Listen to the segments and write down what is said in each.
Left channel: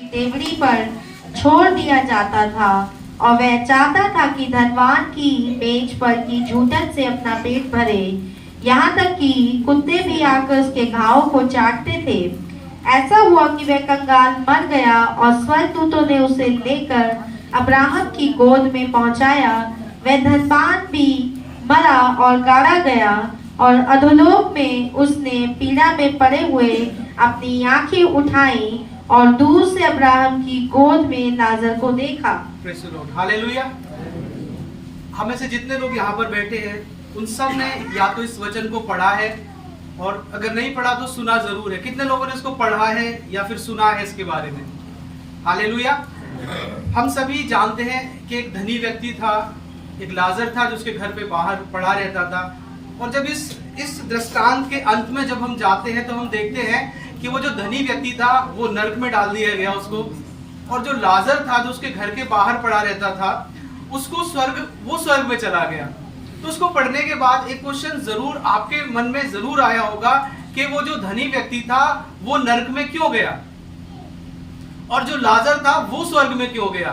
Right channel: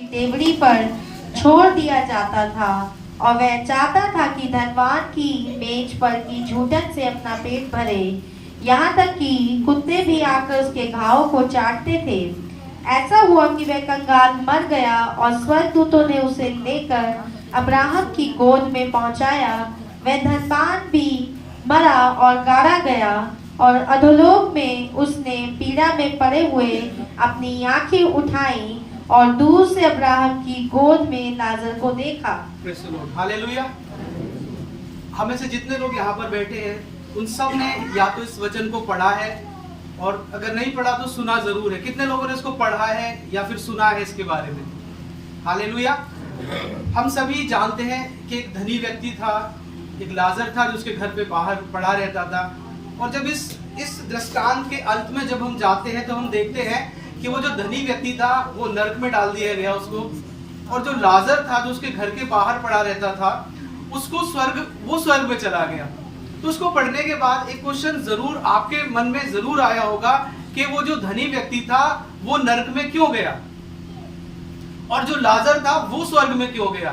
देवड़ी पर छोड़ दिया जाता था और वह चाहता था कि धनवान की मेज पर की झूठन से अपना पेट भरे। यहाँ तक कि कुत्ते भी आकर उसके घावों को चाटते थे। ऐसा हुआ कि वह कंगाल मर गया और स्वर्गदूतों ने उसे लेकर अब्राहम की गोद में पहुंचाया। वह धनवान भी मरा और गाड़ा गया और अधोलोक में उसने पीड़ा में पड़े हुए अपनी आंखें उठाई और दूर से अब्राहम की गोद में लाजर को देखा। Praise the Lord, hallelujah. हमें से जितने लोग यहाँ पर बैठे हैं उन सब ने या तो इस वचन को पढ़ा है और अगर नहीं पढ़ा तो सुना जरूर है। कितने लोगों ने इसको पढ़ा है या फिर सुना है इसके बारे में? हालेलुया। हम सभी जानते हैं कि एक धनी व्यक्ति था, एक लाजर था जो उसके घर पे बाहर पड़ा रहता था। और जब इस दृष्टांत के अंत में जब हम जाते हैं तो हम देखते हैं कि वो जो धनी व्यक्ति था वो नरक में डाल दिया गया उसको, और जो लाजर था जो उसके घर के बाहर पड़ा रहता था उसको स्वर्ग में चला गया। तो उसको पढ़ने के बाद एक क्वेश्चन जरूर आपके मन में जरूर आया होगा कि वो जो धनी व्यक्ति था वो नरक में क्यों गया और जो लाजर था वो स्वर्ग में क्यों गया।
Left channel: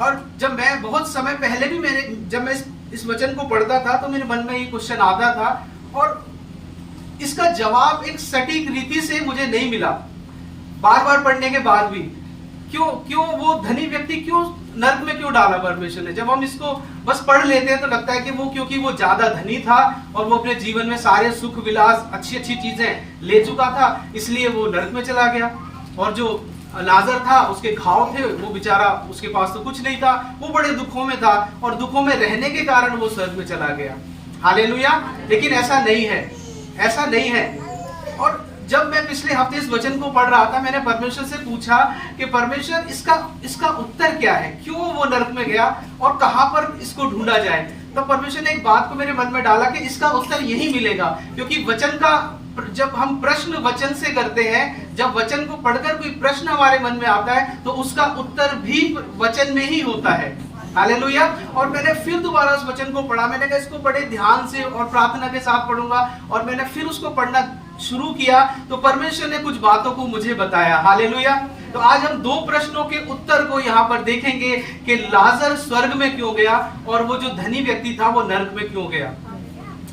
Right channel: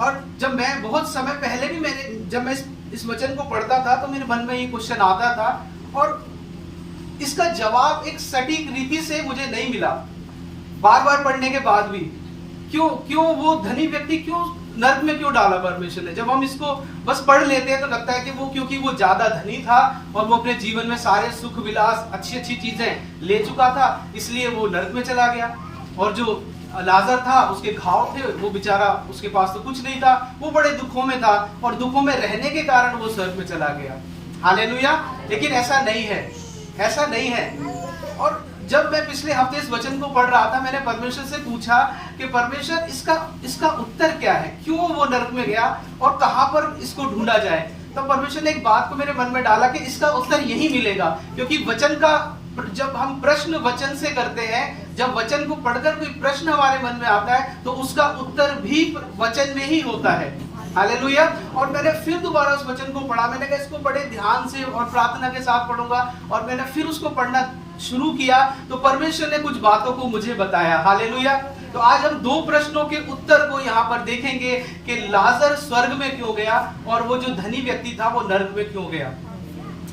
और जब मैं बहुत समय पहले भी जब मैं इस वचन को पढ़ता था तो मेरे मन में ये क्वेश्चन आता था और इसका जवाब एक सटीक रीति से मुझे नहीं मिला। बार बार पढ़ने के बाद भी क्यों वो धनी व्यक्ति क्यों नरक में क्यों डाला परमेश्वर ने। जब हम इसको बस पढ़ लेते हैं तो लगता है कि वो क्योंकि वो ज्यादा धनी था और वो अपने जीवन में सारे सुख विलास अच्छी चीजें ले चुका था इसलिए वो नरक में चला गया। और जो लाजर था उसके घाव थे, वो बेचारा उसके पास तो कुछ नहीं था, वो बड़े दुखों में था और दुखों में रहने के कारण वो स्वर्ग में चला गया। हालेलुया। लेकिन ऐसा नहीं है, ऐसा नहीं है। और जब मैं पिछले हफ्ते इस वचन को पढ़ रहा था मैंने परमेश्वर से पूछा कि परमेश्वर इसका उत्तर क्या है, क्यों वो नरक में गया और कहां पर इसको ढूंढा जाए। तो परमेश्वर ने एक बात को मेरे मन में डाला कि इसका उत्तर यही मिलेगा, क्योंकि वचन का जब हम प्रश्न वचन से करते हैं, जब वचन को पढ़कर कोई प्रश्न हमारे मन में आता है तो उसका उत्तर भी वचन में ही होता है। हालेलुया। और मैंने फिर दोबारा उस वचन को पढ़ा, मैंने कहा इसको बड़े ध्यान से और प्रार्थना के साथ पढ़ूंगा, और मैंने फिर उसको पढ़ना शुरू किया तो परमेश्वर ने कुछ बातों को मुझे बताया। हालेलुया। तो आज हम दो प्रश्नों के उत्तर को यहाँ पर देखेंगे कि लाजर स्वर्ग में क्यों गया और वो जो धनी व्यक्ति था वो नरक में क्यों गया।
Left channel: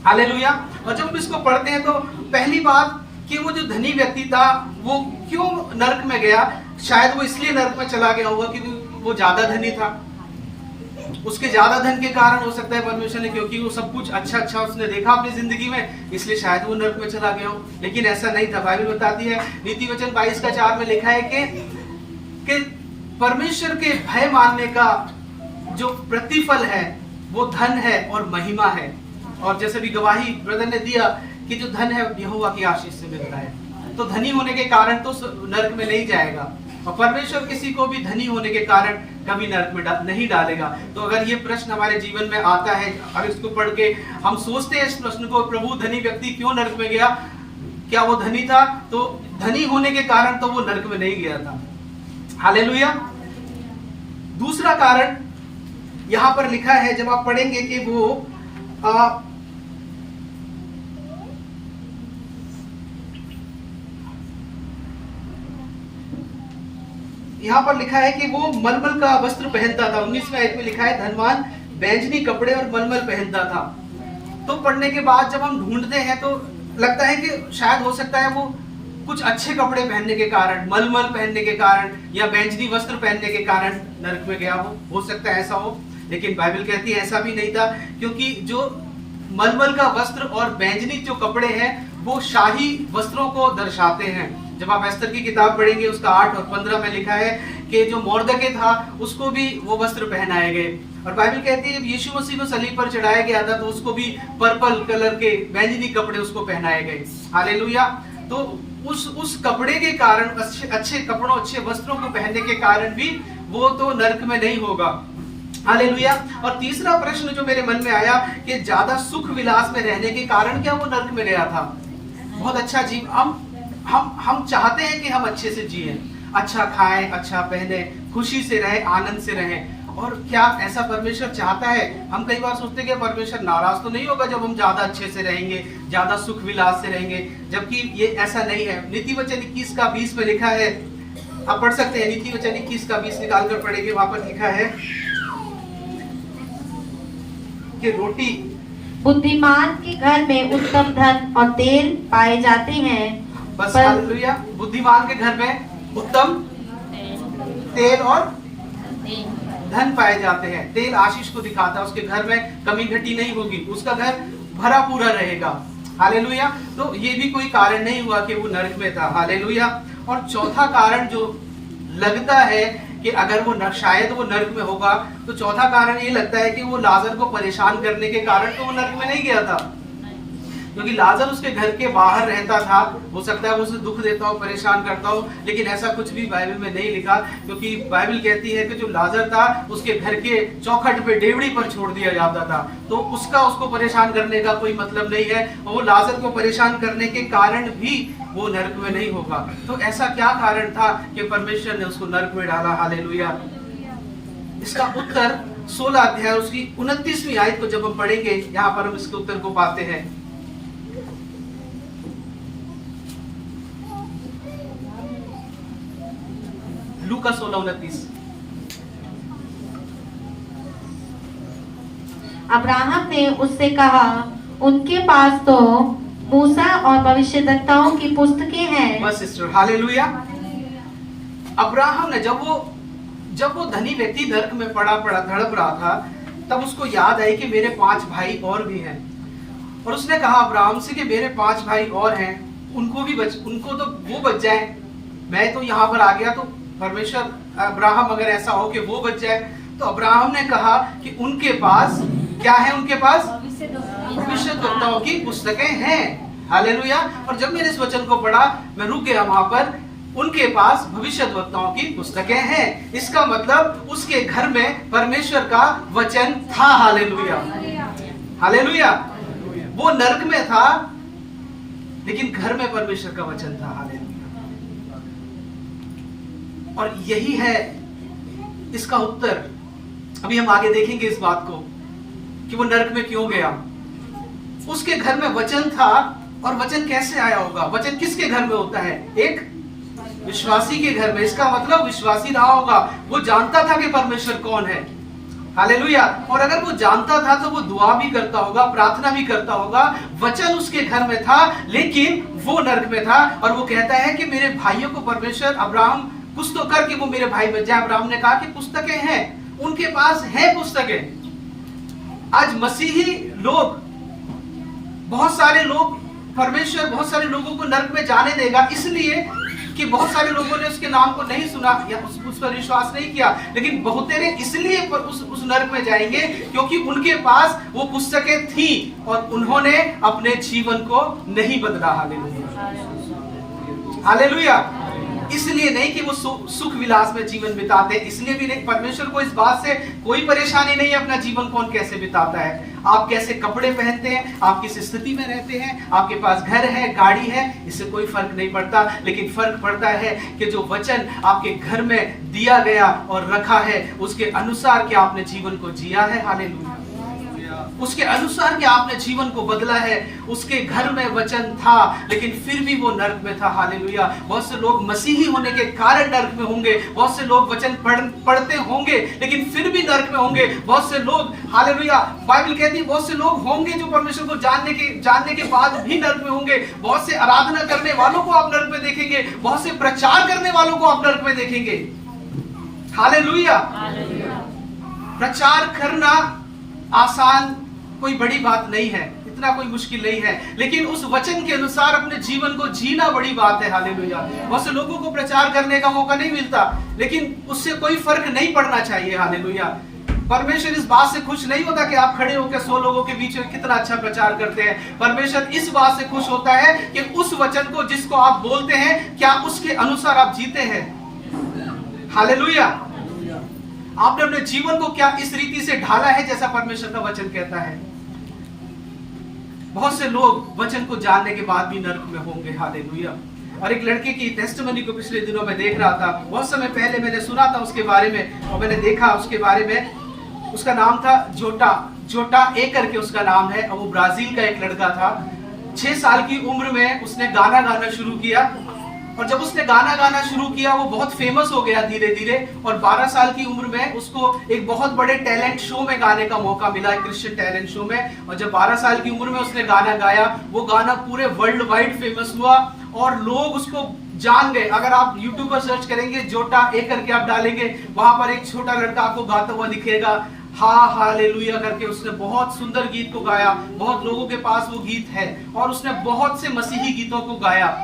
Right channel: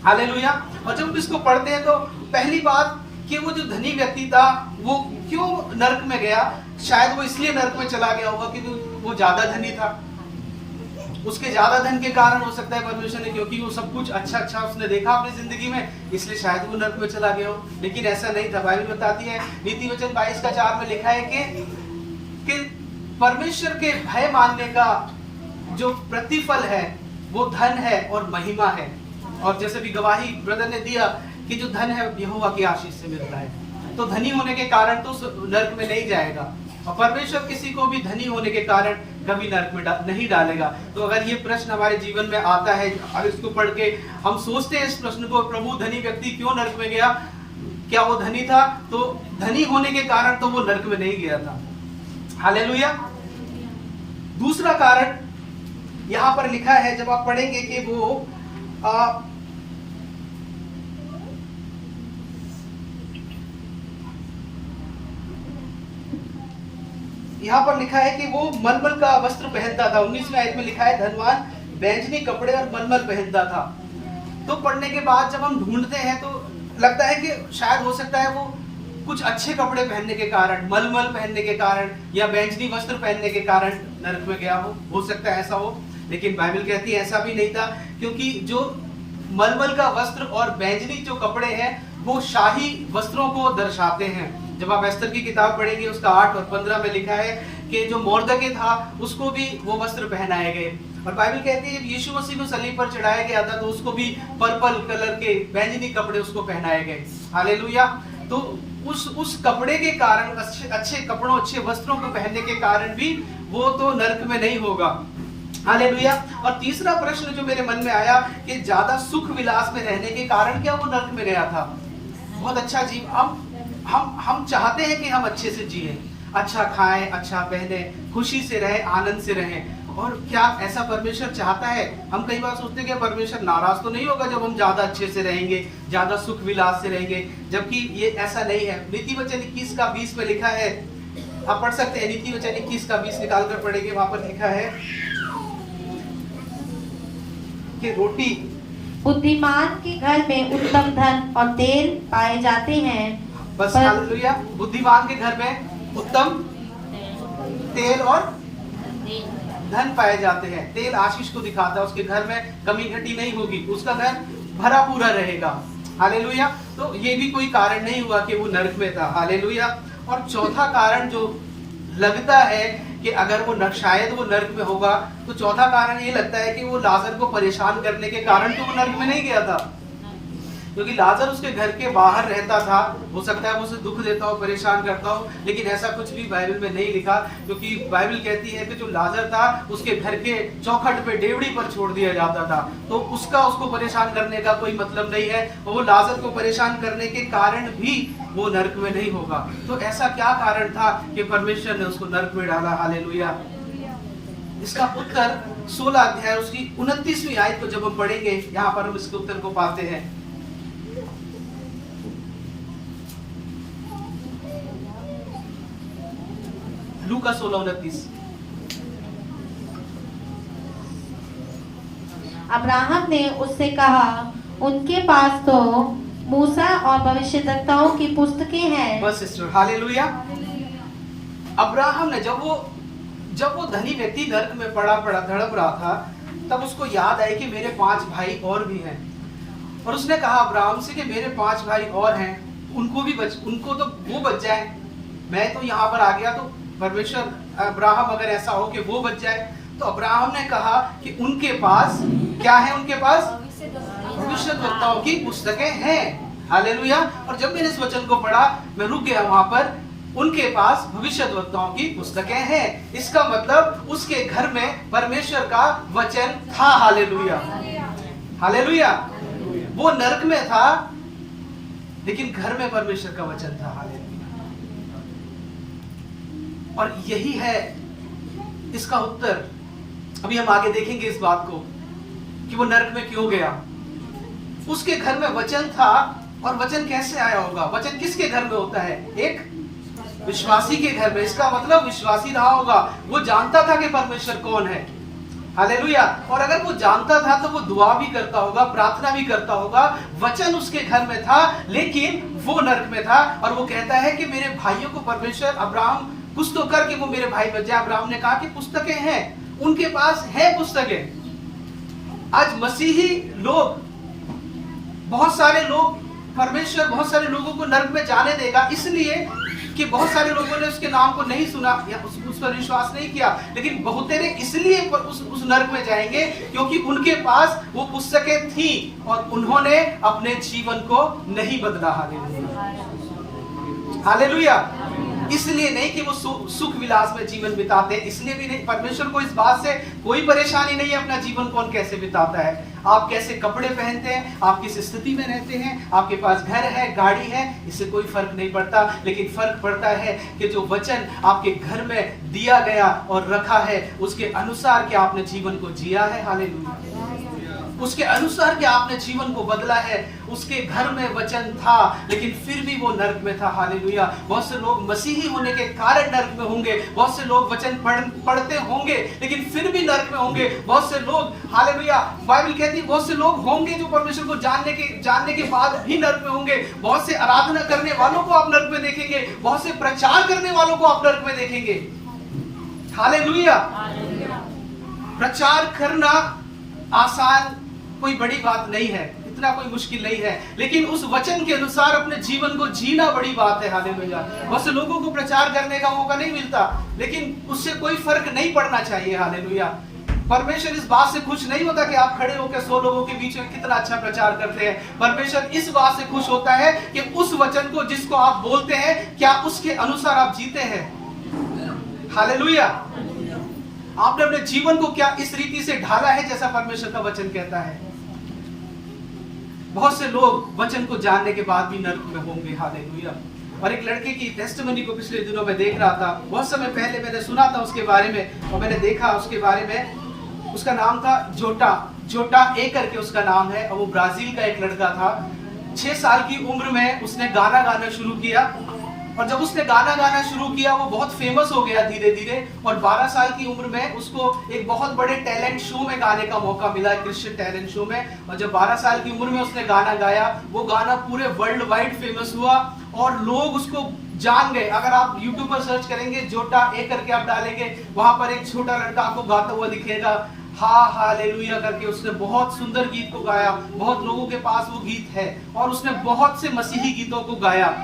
हालेलुया। और जब इसको पढ़ते हैं तो पहली बात कि वो जो धनी व्यक्ति था वो क्यों नरक में गया। शायद वो इसलिए नरक में चला गया होगा क्योंकि वो ज्यादा धनी था, उसके ज्यादा धन के कारण हो सकता है परमेश्वर ने, क्योंकि वो सब कुछ अच्छा उसने देखा अपनी जिंदगी में, इसलिए शायद वो नरक में चला गया हो। लेकिन ऐसा नहीं था। बाइबल बताती है नीति वचन 22:4 में लिखा है कि परमेश्वर के भय मानने का जो प्रतिफल है वो धन है और महिमा है। और जैसे भी गवाही ब्रदर ने दिया कि जो धन है यहोवा की आशीष से मिलता है, तो धनी होने के कारण तो नरक में नहीं जाएगा और परमेश्वर किसी को भी धनी होने के कारण कभी नरक में नहीं डालेगा। तो अगर ये प्रश्न हमारे जीवन में आता है और इसको पढ़ के हम सोचते हैं इस प्रश्न को, प्रभु धनी व्यक्ति क्यों नरक में गया, क्या वो धनी था? तो धनी होने के कारण तो वो नरक में नहीं गया था। हालेलुया। दूसरा कारण यहाँ पर लिखा है, जब आप पढ़ेंगे कि वो यहाँ पर लिखा है कि वो मलमल का वस्त्र पहनता था। 19वें आयत में लिखा है धनवान बैंजनी कपड़े और मलमल पहनता था। तो पढ़ने के बाद जब हम ढूंढते हैं तो लगता है कि शायद हो सकता है वो कुछ अच्छे कपड़े पहनने के कारण, मलमल पहनने के कारण या बैंजनी वस्त्र पहनने के कारण नरक में गया हो सकता है ऐसा हो। लेकिन बाइबल कहती है ऐसा भी नहीं था, क्योंकि जो मलमल का वस्त्र और बैंजनी जो कपड़े हैं वो शाही वस्त्रों को दर्शाते हैं। जब आप एस्तर की किताब पढ़ेंगे उसका 8 और 15 में लिखा है कि जो मोर्दके था उसको भी वो वस्त्र पहनाए गए। और बाइबल कहती है जब यीशु मसीह को सलीब पर चढ़ाया गया था तो उसको भी पर्पल कलर के बैंजनी कपड़े उसको पहनाए गए। हालेलुया। तो उस कपड़े के कारण, अच्छे कपड़ों अच्छे वस्त्रों को पहनने के कारण भी वो तो नरक में नहीं होगा। हालेलुया। और तीसरा प्रश्न जो मेरे मन में आया कि ज्यादा सुख विलास में रहने के कारण क्या वो नरक में गया था। बहुत अच्छा जीव हम चाहते हैं कि हम अच्छे से जिए, अच्छा खाएं, अच्छा पहने, खुशी से रहे, आनंद से रहें। और क्या ऐसा परमेश्वर चाहता है? हम कई बार सोचते हैं कि परमेश्वर नाराज तो नहीं होगा जब हम ज्यादा अच्छे से रहेंगे, ज्यादा सुख विलास से रहेंगे, जबकि ये ऐसा नहीं है। नीति वचन 21:20 में लिखा है आप पढ़ सकते हैं, नीति वचन 21 का 20 निकाल कर पढ़ेंगे, वहां पर लिखा है कि रोटी, बुद्धिमान के घर में उत्तम धन और तेल पाए जाते हैं। बस हालेलुया, बुद्धिमान के घर में उत्तम तेल और धन पाए जाते हैं। तेल आशीष को दिखाता है, उसके घर में कमी घटी नहीं होगी, उसका घर भरा पूरा रहेगा। हालेलुया। तो ये भी कोई कारण नहीं हुआ कि वो नरक में था। हालेलुया। और चौथा कारण जो लगता है कि अगर वो शायद वो नरक में होगा, तो चौथा कारण ये लगता है कि वो लाजर को परेशान करने के कारण तो वो नरक में नहीं गया था, क्योंकि लाजर उसके घर के बाहर रहता था। हो सकता है वो उसे दुख देता हो, परेशान करता हो, लेकिन ऐसा कुछ भी बाइबल में नहीं लिखा, क्योंकि बाइबल कहती है कि जो लाजर था उसके घर के चौखट पे डेवड़ी पर छोड़ दिया जाता था, तो उसको परेशान करने का कोई मतलब नहीं है। वो लाजर को परेशान करने के कारण भी वो नरक में नहीं होगा। तो ऐसा क्या कारण था कि परमेश्वर ने उसको नरक में डाला? हालेलुया। इसका उत्तर 16 अध्याय उसकी 29वीं आयत को जब हम पढ़ेंगे, यहाँ पर हम इसके उत्तर को पाते हैं। लूका 16:29। अब्राहम ने उससे कहा, उनके पास तो मूसा और भविष्यद्वक्ताओं की पुस्तकें हैं। बस सिस्टर, हालेलुया। अब्राहम ने जब वो धनी व्यक्ति नरक में पड़ा धड़प रहा था, तब उसको याद आई कि मेरे 5 भाई और भी हैं, और उसने कहा अब्राहम से कि मेरे 5 भाई और हैं, उनको तो वो बच जाए, मैं तो यहाँ पर आ गया, तो परमेश्वर अब्राहम अगर ऐसा हो कि वो बच जाए, तो अब्राहम ने कहा कि उनके पास क्या है? उनके पास भविष्यद्वक्ताओं की पुस्तकें हैं। हालेलुया। और जब मैंने इस वचन को पढ़ा, मैं रुक गया वहां पर। उनके पास भविष्यद्वक्ताओं की पुस्तकें हैं, इसका मतलब उसके घर में परमेश्वर का वचन था। Hallelujah, hallelujah. वो नरक में था, लेकिन घर में परमेश्वर का वचन था। हालेलुया। और यही है इसका उत्तर। अभी हम आगे देखेंगे इस बात को कि वो नरक में क्यों गया। उसके घर में वचन था, और वचन कैसे आया होगा? वचन किसके घर में होता है? एक विश्वासी के घर में। इसका मतलब विश्वासी रहा होगा, वो जानता था कि परमेश्वर कौन है। हालेलुया। और अगर वो जानता था तो वो दुआ भी करता होगा, प्रार्थना भी करता होगा। वचन उसके घर में था, लेकिन वो नरक में था। और वो कहता है कि मेरे भाइयों को परमेश्वर, अब्राहम कुछ तो करके वो मेरे भाई बच जाए। अब्राहम ने कहा कि पुस्तकें हैं, उनके पास है पुस्तकें। आज मसीही लोग, बहुत सारे लोग, परमेश्वर बहुत सारे लोगों को नरक में जाने देगा, इसलिए कि बहुत सारे लोगों ने उसके नाम को नहीं सुना या उस पर विश्वास नहीं किया, लेकिन बहुतेरे इसलिए उस नरक में जाएंगे क्योंकि उनके पास वो पुस्तकें थी और उन्होंने अपने जीवन को नहीं बदला। Hallelujah, hallelujah. इसलिए नहीं कि वो सुख विलास में जीवन बिताते, इसलिए भी नहीं। परमेश्वर को इस बात से कोई परेशानी नहीं है अपना जीवन कौन कैसे बिताता है, आप कैसे कपड़े पहनते हैं, आप किस स्थिति में रहते हैं, आपके पास घर है, गाड़ी है, इससे कोई फर्क नहीं पड़ता। लेकिन फर्क पड़ता है कि जो वचन आपके घर में दिया गया और रखा है, उसके अनुसार क्या आपने जीवन को जिया है। हालेलुया। उसके अनुसार क्या आपने जीवन को बदला है। उसके घर में वचन था, लेकिन फिर भी वो नरक में था। हालेलुया। बहुत से लोग मसीही होने के कारण नरक में होंगे, बहुत से लोग वचन पढ़ते होंगे, लेकिन फिर भी नरक में होंगे। बहुत से लोग, हालेलुया, बाइबल कहती है बहुत से लोग होंगे जो परमेश्वर को जानने के बाद भी नरक में होंगे। बहुत से आराधना करने वालों को आप नरक में देखेंगे, बहुत से प्रचार करने वालों को आप नरक में देखेंगे। हालेलुया। प्रचार करना आसान कोई बड़ी बात नहीं है, इतना कोई मुश्किल नहीं है, लेकिन उस वचन के अनुसार अपने जीवन को जीना बड़ी बात है। हालेलुया। बहुत से लोगों को प्रचार करने का मौका नहीं मिलता, लेकिन उससे कोई फर्क नहीं पड़ना चाहिए। हालेलुया। परमेश्वर इस बात से खुश नहीं होता कि आप खड़े होकर 100 लोगों के बीच में कितना अच्छा प्रचार करते हैं। परमेश्वर इस बात से खुश होता है कि उस वचन को जिसको आप बोलते हैं, क्या उसके अनुसार आप जीते हैं। हालेलुया। आपने अपने जीवन को क्या इस रीति से ढाला है जैसा परमेश्वर का वचन कहता है। बहुत से लोग वचन को जानने के बाद भी नरक में होंगे। हालेलुया। और एक लड़के की टेस्टिमनी को पिछले दिनों में देख रहा था, बहुत समय पहले मैंने सुना था उसके बारे में, और मैंने देखा उसके बारे में। उसका नाम था जोटा ए करके उसका नाम है, और वो ब्राजील का एक लड़का था। 6 साल की उम्र में उसने गाना गाना शुरू किया, और जब उसने गाना गाना शुरू किया वो बहुत फेमस हो गया धीरे धीरे, और 12 साल की उम्र में उसको एक बहुत बड़े टैलेंट शो में गाने का मौका मिला, एक क्रिश्चियन टैलेंट शो में। और जब 12 साल की उम्र में उसने गाना गाया, वो गाना पूरे वर्ल्ड वाइड फेमस हुआ और लोग उसको जान गए। अगर आप YouTube पर सर्च करेंगे, जोटा ए करके आप डालेंगे, वहां पर एक छोटा लड़का आपको गाता हुआ दिखेगा, हालेलुया करके। उसने बहुत सुंदर गीत को गाया, बहुत लोगों के पास वो गीत है, और उसने बहुत से मसीही गीतों को गाया।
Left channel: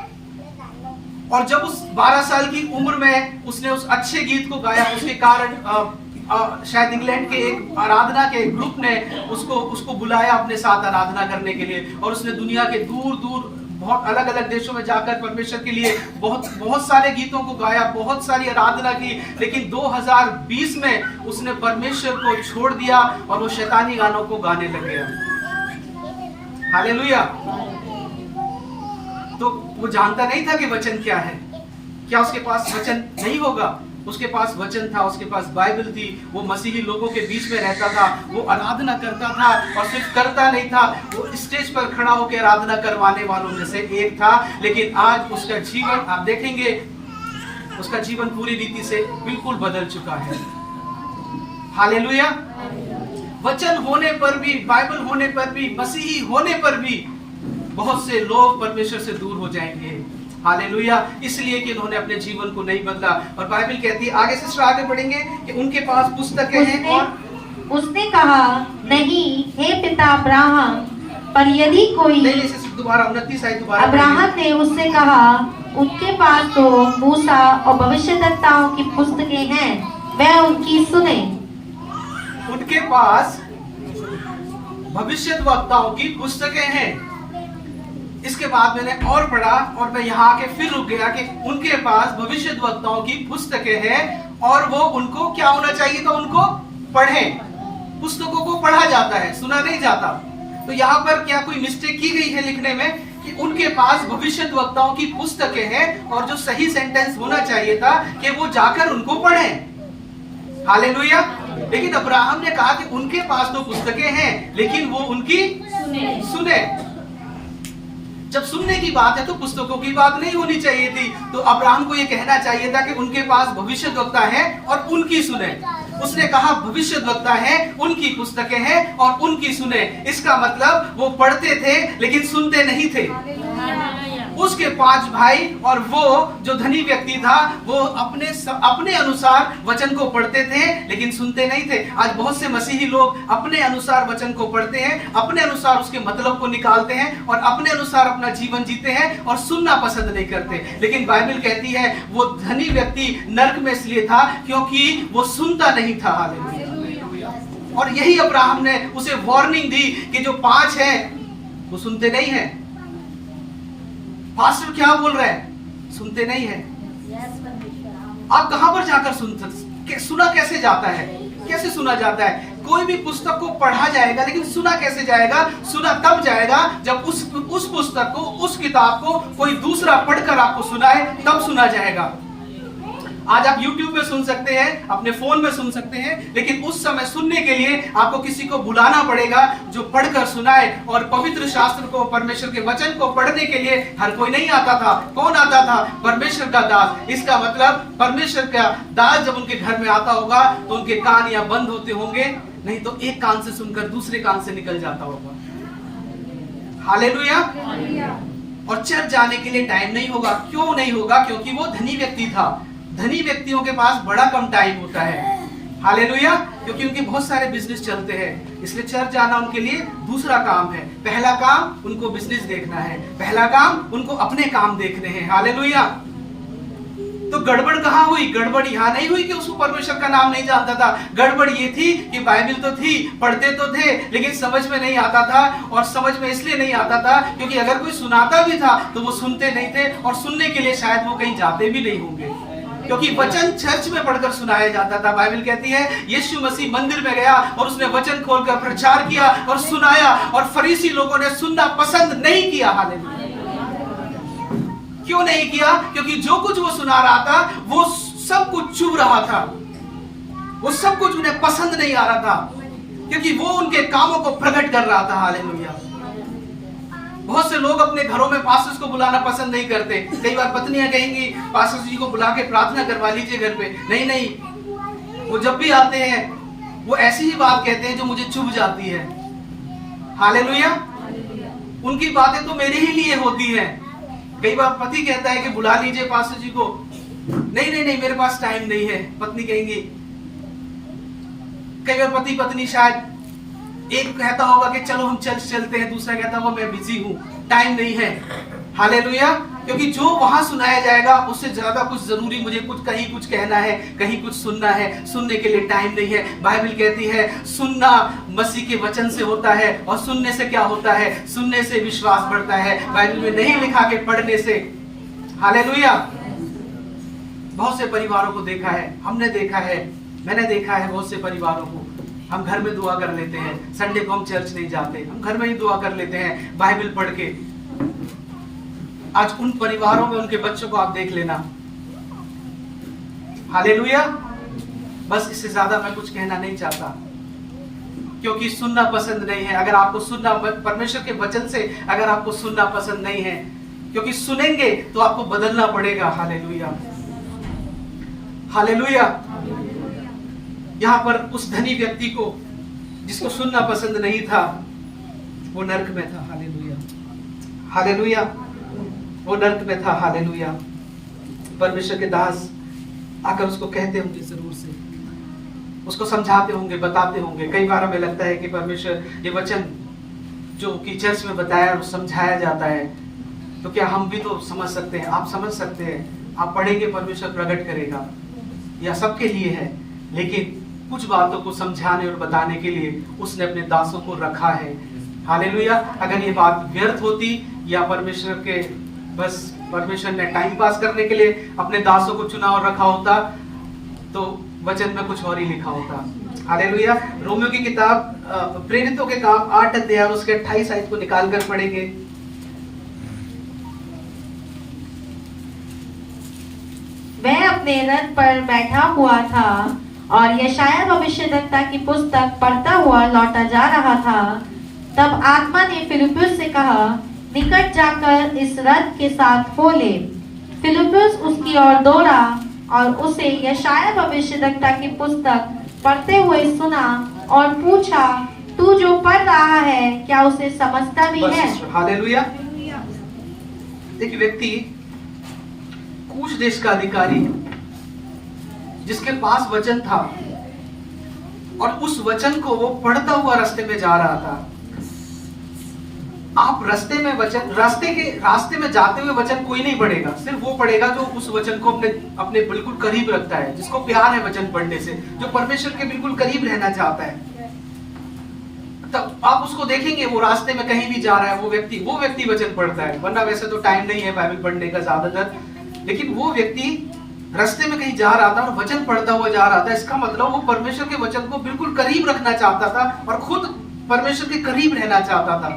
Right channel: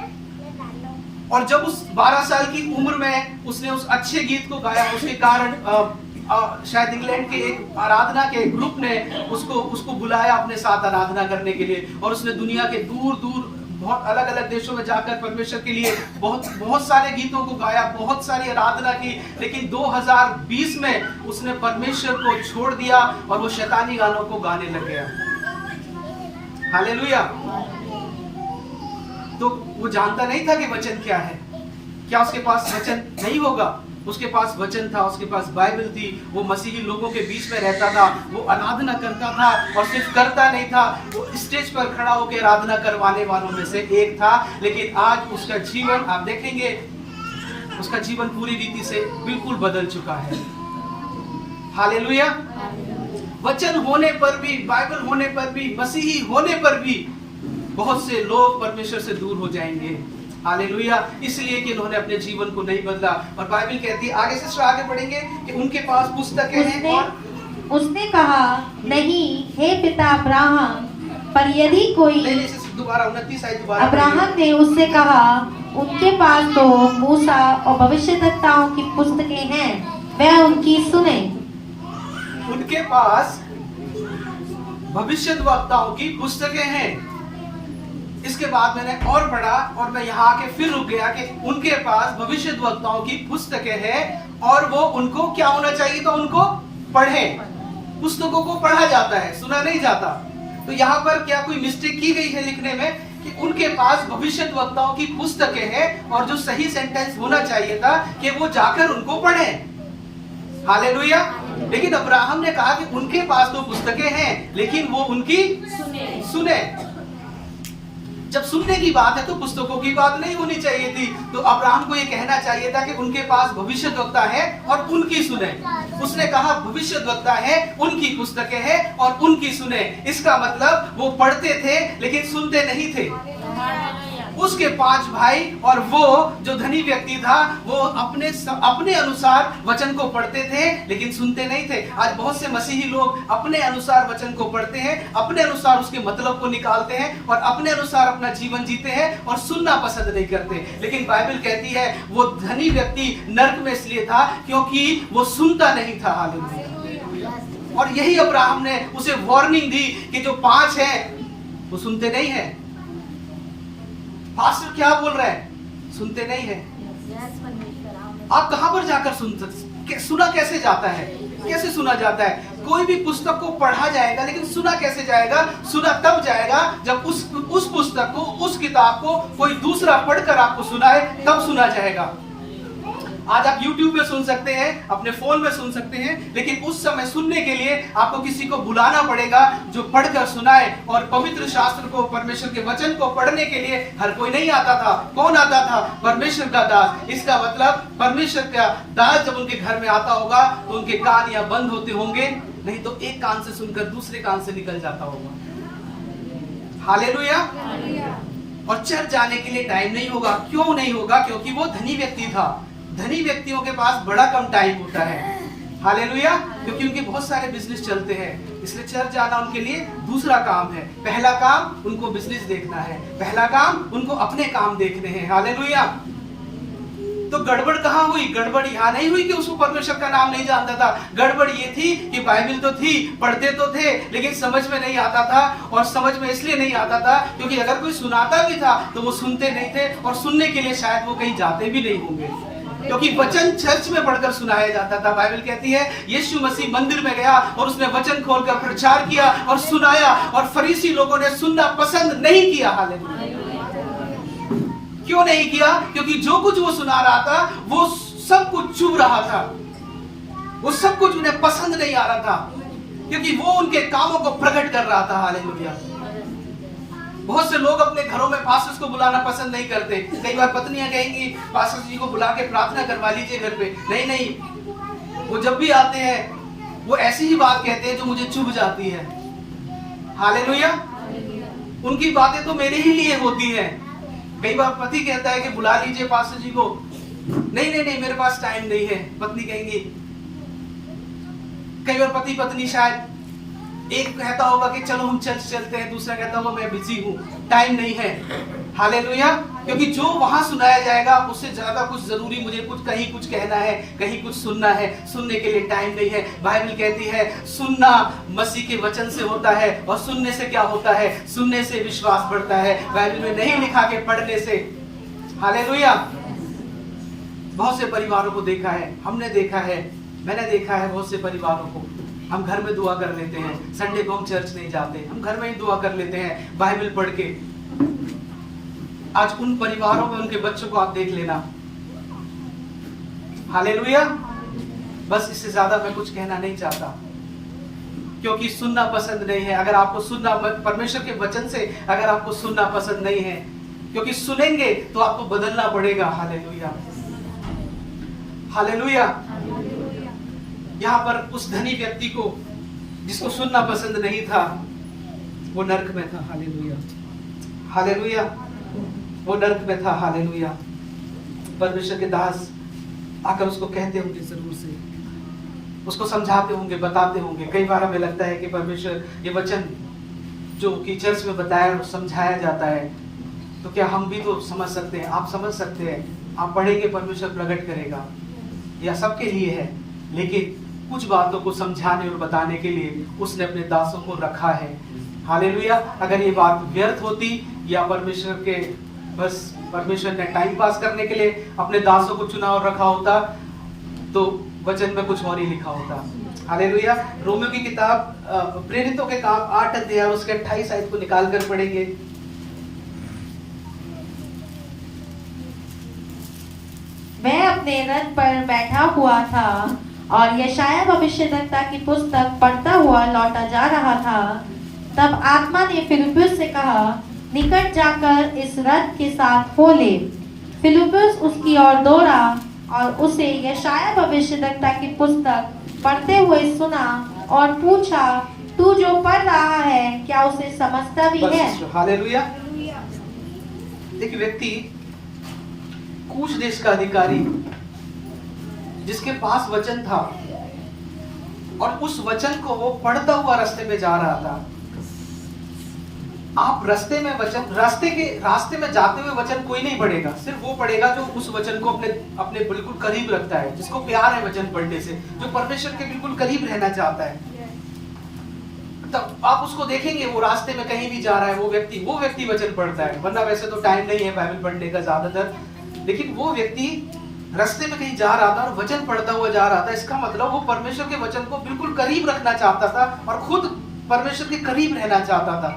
और जब उस 12 साल की उम्र में उसने उस अच्छे गीत को गाया, उसके कारण शायद इंग्लैंड के एक आराधना के ग्रुप ने उसको बुलाया अपने साथ आराधना करने के लिए, और उसने दुनिया के दूर दूर बहुत अलग अलग देशों में जाकर परमेश्वर के लिए बहुत सारे गीतों को गाया, बहुत सारी आराधना की। लेकिन 2020 में उसने परमेश्वर को छोड़ दिया और वो शैतानी गानों को गाने लग गया। हालेलुया। तो वो जानता नहीं था कि वचन क्या है। क्या उसके पास वचन नहीं होगा? उसके पास वचन था, उसके पास बाइबल थी। वो मसीही लोगों के बीच में रहता था, वो आराधना करता था, और सिर्फ करता नहीं था, वो स्टेज पर खड़ा होकर आराधना करवाने वालों में से एक था। लेकिन आज उसका जीवन आप देखेंगे, उसका जीवन पूरी रीति से बिल्कुल बदल चुका है। हालेलुया। वचन होने पर भी, बाइबल होने पर भी, मसीही होने पर भी बहुत से लोग परमेश्वर से दूर हो जाएंगे। हालेलुया। इसलिए कि उन्होंने अपने जीवन को नहीं बदला। और बाइबल कहती है, आगे सिस्टर आगे पढ़ेंगे, कि उनके पास पुस्तकें हैं। और उसने कहा, नहीं हे पिता अब्राहम, पर यदि कोई दोबारा 29 आयत दोबारा। अब्राहम ने उससे कहा, उनके पास तो मूसा और भविष्यद्वक्ताओं की पुस्तकें हैं, वह उनकी सुने। उनके पास भविष्यद्वक्ताओं की पुस्तकें हैं। इसके बाद मैंने और पढ़ा, और मैं यहाँ आके फिर रुक गया कि उनके पास भविष्यद्वक्ताओं की पुस्तकें हैं, और वो उनको क्या होना चाहिए था? उनको पढ़ें। पुस्तकों को पढ़ा जाता है, सुना नहीं जाता। तो यहाँ पर क्या कोई मिस्टेक की गई है लिखने में कि उनके पास भविष्यद्वक्ताओं की पुस्तकें हैं, और जो सही सेंटेंस होना चाहिए था कि वो जाकर उनको पढ़ें। हालेलुया। लेकिन अब्राहम ने कहा कि उनके पास तो पुस्तकें हैं, लेकिन वो उनकी सुने। जब सुनने की बात है तो पुस्तकों की बात नहीं होनी चाहिए थी। तो अब्राहम को ये कहना चाहिए था कि उनके पास भविष्यद्वक्ता है और उनकी सुने। उसने कहा भविष्यद्वक्ता है, उनकी पुस्तकें हैं और उनकी सुने। इसका मतलब वो पढ़ते थे लेकिन सुनते नहीं थे। उसके 5 भाई और वो जो धनी व्यक्ति था, वो अपने अनुसार वचन को पढ़ते थे लेकिन सुनते नहीं थे। आज बहुत से मसीही लोग अपने अनुसार वचन को पढ़ते हैं, अपने अनुसार उसके मतलब को निकालते हैं और अपने अनुसार अपना जीवन जीते हैं और सुनना पसंद नहीं करते। लेकिन बाइबल कहती है वो धनी व्यक्ति नरक में इसलिए था क्योंकि वो सुनता नहीं था। हालेलुया। और यही अब्राहम ने उसे वार्निंग दी कि जो 5 हैं वो सुनते नहीं है। पास्टर क्या बोल रहा है? सुनते नहीं है। आप कहां पर जाकर सुना कैसे जाता है? कैसे सुना जाता है? कोई भी पुस्तक को पढ़ा जाएगा लेकिन सुना कैसे जाएगा? सुना तब जाएगा जब उस पुस्तक को, उस किताब को कोई दूसरा पढ़कर आपको सुनाए, तब सुना जाएगा। आज आप YouTube में सुन सकते हैं, अपने फोन में सुन सकते हैं, लेकिन उस समय सुनने के लिए आपको किसी को बुलाना पड़ेगा जो पढ़कर सुनाए। और पवित्र शास्त्र को, परमेश्वर के वचन को पढ़ने के लिए हर कोई नहीं आता था। कौन आता था? परमेश्वर का दास। इसका मतलब परमेश्वर का दास जब उनके घर में आता होगा तो उनके कान या बंद होते होंगे, नहीं तो एक कान से सुनकर दूसरे कान से निकल जाता होगा। हालेलुया। और चर्च जाने के लिए टाइम नहीं होगा। क्यों नहीं होगा? क्योंकि वो धनी व्यक्ति था। धनी व्यक्तियों के पास बड़ा कम टाइम होता है। हालेलुया। क्योंकि उनके बहुत सारे बिजनेस चलते हैं, इसलिए चर्च जाना उनके लिए दूसरा काम है। पहला काम उनको बिजनेस देखना है, पहला काम उनको अपने काम देखने हैं। हालेलुया। तो गड़बड़ कहाँ हुई? गड़बड़ यहाँ नहीं हुई कि उसको परमेश्वर का नाम नहीं जानता था। गड़बड़ ये थी कि बाइबल तो थी, पढ़ते तो थे, लेकिन समझ में नहीं आता था। और समझ में इसलिए नहीं आता था क्योंकि अगर कोई सुनाता भी था तो वो सुनते नहीं थे, और सुनने के लिए शायद वो कहीं जाते भी नहीं होंगे, क्योंकि वचन चर्च में पढ़कर सुनाया जाता था। बाइबल कहती है यीशु मसीह मंदिर में गया और उसने वचन खोलकर प्रचार किया और सुनाया, और फरीसी लोगों ने सुनना पसंद नहीं किया। हालेलुया। क्यों नहीं किया? क्योंकि जो कुछ वो सुना रहा था वो सब कुछ चुभ रहा था, वो सब कुछ उन्हें पसंद नहीं आ रहा था, क्योंकि वो उनके कामों को प्रकट कर रहा था। हालेलुया। बहुत से लोग अपने घरों में पास्टर्स को बुलाना पसंद नहीं करते। कई बार पत्नियां कहेंगी पास्टर जी को बुला के प्रार्थना करवा लीजिए घर पे। नहीं नहीं, वो जब भी आते हैं वो ऐसी ही बात कहते हैं जो मुझे चुभ जाती है। हालेलुया। उनकी बातें तो मेरे ही लिए होती हैं। कई बार पति कहता है कि बुला लीजिए पास्टर जी को, नहीं नहीं नहीं मेरे पास टाइम नहीं है, पत्नी कहेंगी। कई बार पति पत्नी शायद एक कहता होगा कि चलो हम चलते हैं, दूसरा कहता होगा मैं बिजी हूं, टाइम नहीं है। हालेलुया। क्योंकि जो वहां सुनाया जाएगा उससे ज्यादा कुछ जरूरी मुझे कहीं कुछ कहना है, कहीं कुछ सुनना है, सुनने के लिए टाइम नहीं है। बाइबल कहती है सुनना मसीह के वचन से होता है, और सुनने से क्या होता है? सुनने से विश्वास बढ़ता है। बाइबल में नहीं लिखा के पढ़ने से। हालेलुया। बहुत से परिवारों को देखा है, हमने देखा है, मैंने देखा है बहुत से परिवारों को। हम घर में दुआ कर लेते हैं, संडे को हम चर्च नहीं जाते, हम घर में ही दुआ कर लेते हैं बाइबल पढ़ के। आज उन परिवारों में उनके बच्चों को आप देख लेना। हालेलुया। बस इससे ज्यादा मैं कुछ कहना नहीं चाहता, क्योंकि सुनना पसंद नहीं है। अगर आपको सुनना, परमेश्वर के वचन से अगर आपको सुनना पसंद नहीं है, क्योंकि सुनेंगे तो आपको बदलना पड़ेगा। हालेलुया। हालेलुया। यहाँ पर उस धनी व्यक्ति को जिसको सुनना पसंद नहीं था, वो नरक में था। हालेलुया। हालेलुया। वो नरक में था। हालेलुया। परमेश्वर के दास आकर उसको कहते होंगे, जरूर से उसको समझाते होंगे, बताते होंगे। कई बार हमें लगता है कि परमेश्वर ये वचन जो कि चर्च में बताया और समझाया जाता है, तो क्या हम भी तो समझ सकते हैं? आप समझ सकते हैं, आप पढ़ेंगे परमेश्वर प्रकट करेगा, या सबके लिए है। लेकिन कुछ बातों को समझाने और बताने के लिए उसने अपने दासों को रखा है। हालेलुया। अगर ये बात व्यर्थ होती या परमेश्वर के बस परमेश्वर ने टाइम पास करने के लिए अपने दासों को चुना और रखा होता, तो वचन में कुछ और ही लिखा होता। हालेलुया। रोमियो की किताब प्रेरितों के काम 8 अध्याय उसके 28 आयत को निकाल कर पढ़ेंगे। वह अपने रथ पर बैठा हुआ था और यशायाह भविष्यद्वक्ता की पुस्तक पढ़ता हुआ लौटा जा रहा था। तब आत्मा ने फिलिप्पुस से कहा, निकट जाकर इस रथ के साथ हो ले। फिलिप्पुस उसकी ओर दौड़ा और उसे यशायाह भविष्यद्वक्ता की पुस्तक पढ़ते हुए सुना और पूछा, तू जो पढ़ रहा है क्या उसे समझता भी है? हालेलुया। एक व्यक्ति, कूश देश का अधिकारी, जिसके पास वचन था और उस वचन को वो पढ़ता हुआ रास्ते में जा रहा था। आप रास्ते में वचन, रास्ते में जाते हुए वचन कोई नहीं पढ़ेगा, सिर्फ वो पढ़ेगा जो उस वचन को अपने बिल्कुल करीब रखता है, जिसको प्यार है वचन पढ़ने से, जो परमेश्वर के बिल्कुल करीब रहना चाहता है। तब आप उसको देखेंगे वो रास्ते में कहीं भी जा रहा है, वो व्यक्ति वचन पढ़ता है। वरना वैसे तो टाइम नहीं है बाइबल पढ़ने का ज्यादातर, लेकिन वो व्यक्ति रास्ते में कहीं जा रहा था और वचन पढ़ता हुआ जा रहा था। इसका मतलब वो परमेश्वर के वचन को बिल्कुल करीब रखना चाहता था और खुद परमेश्वर के करीब रहना चाहता था।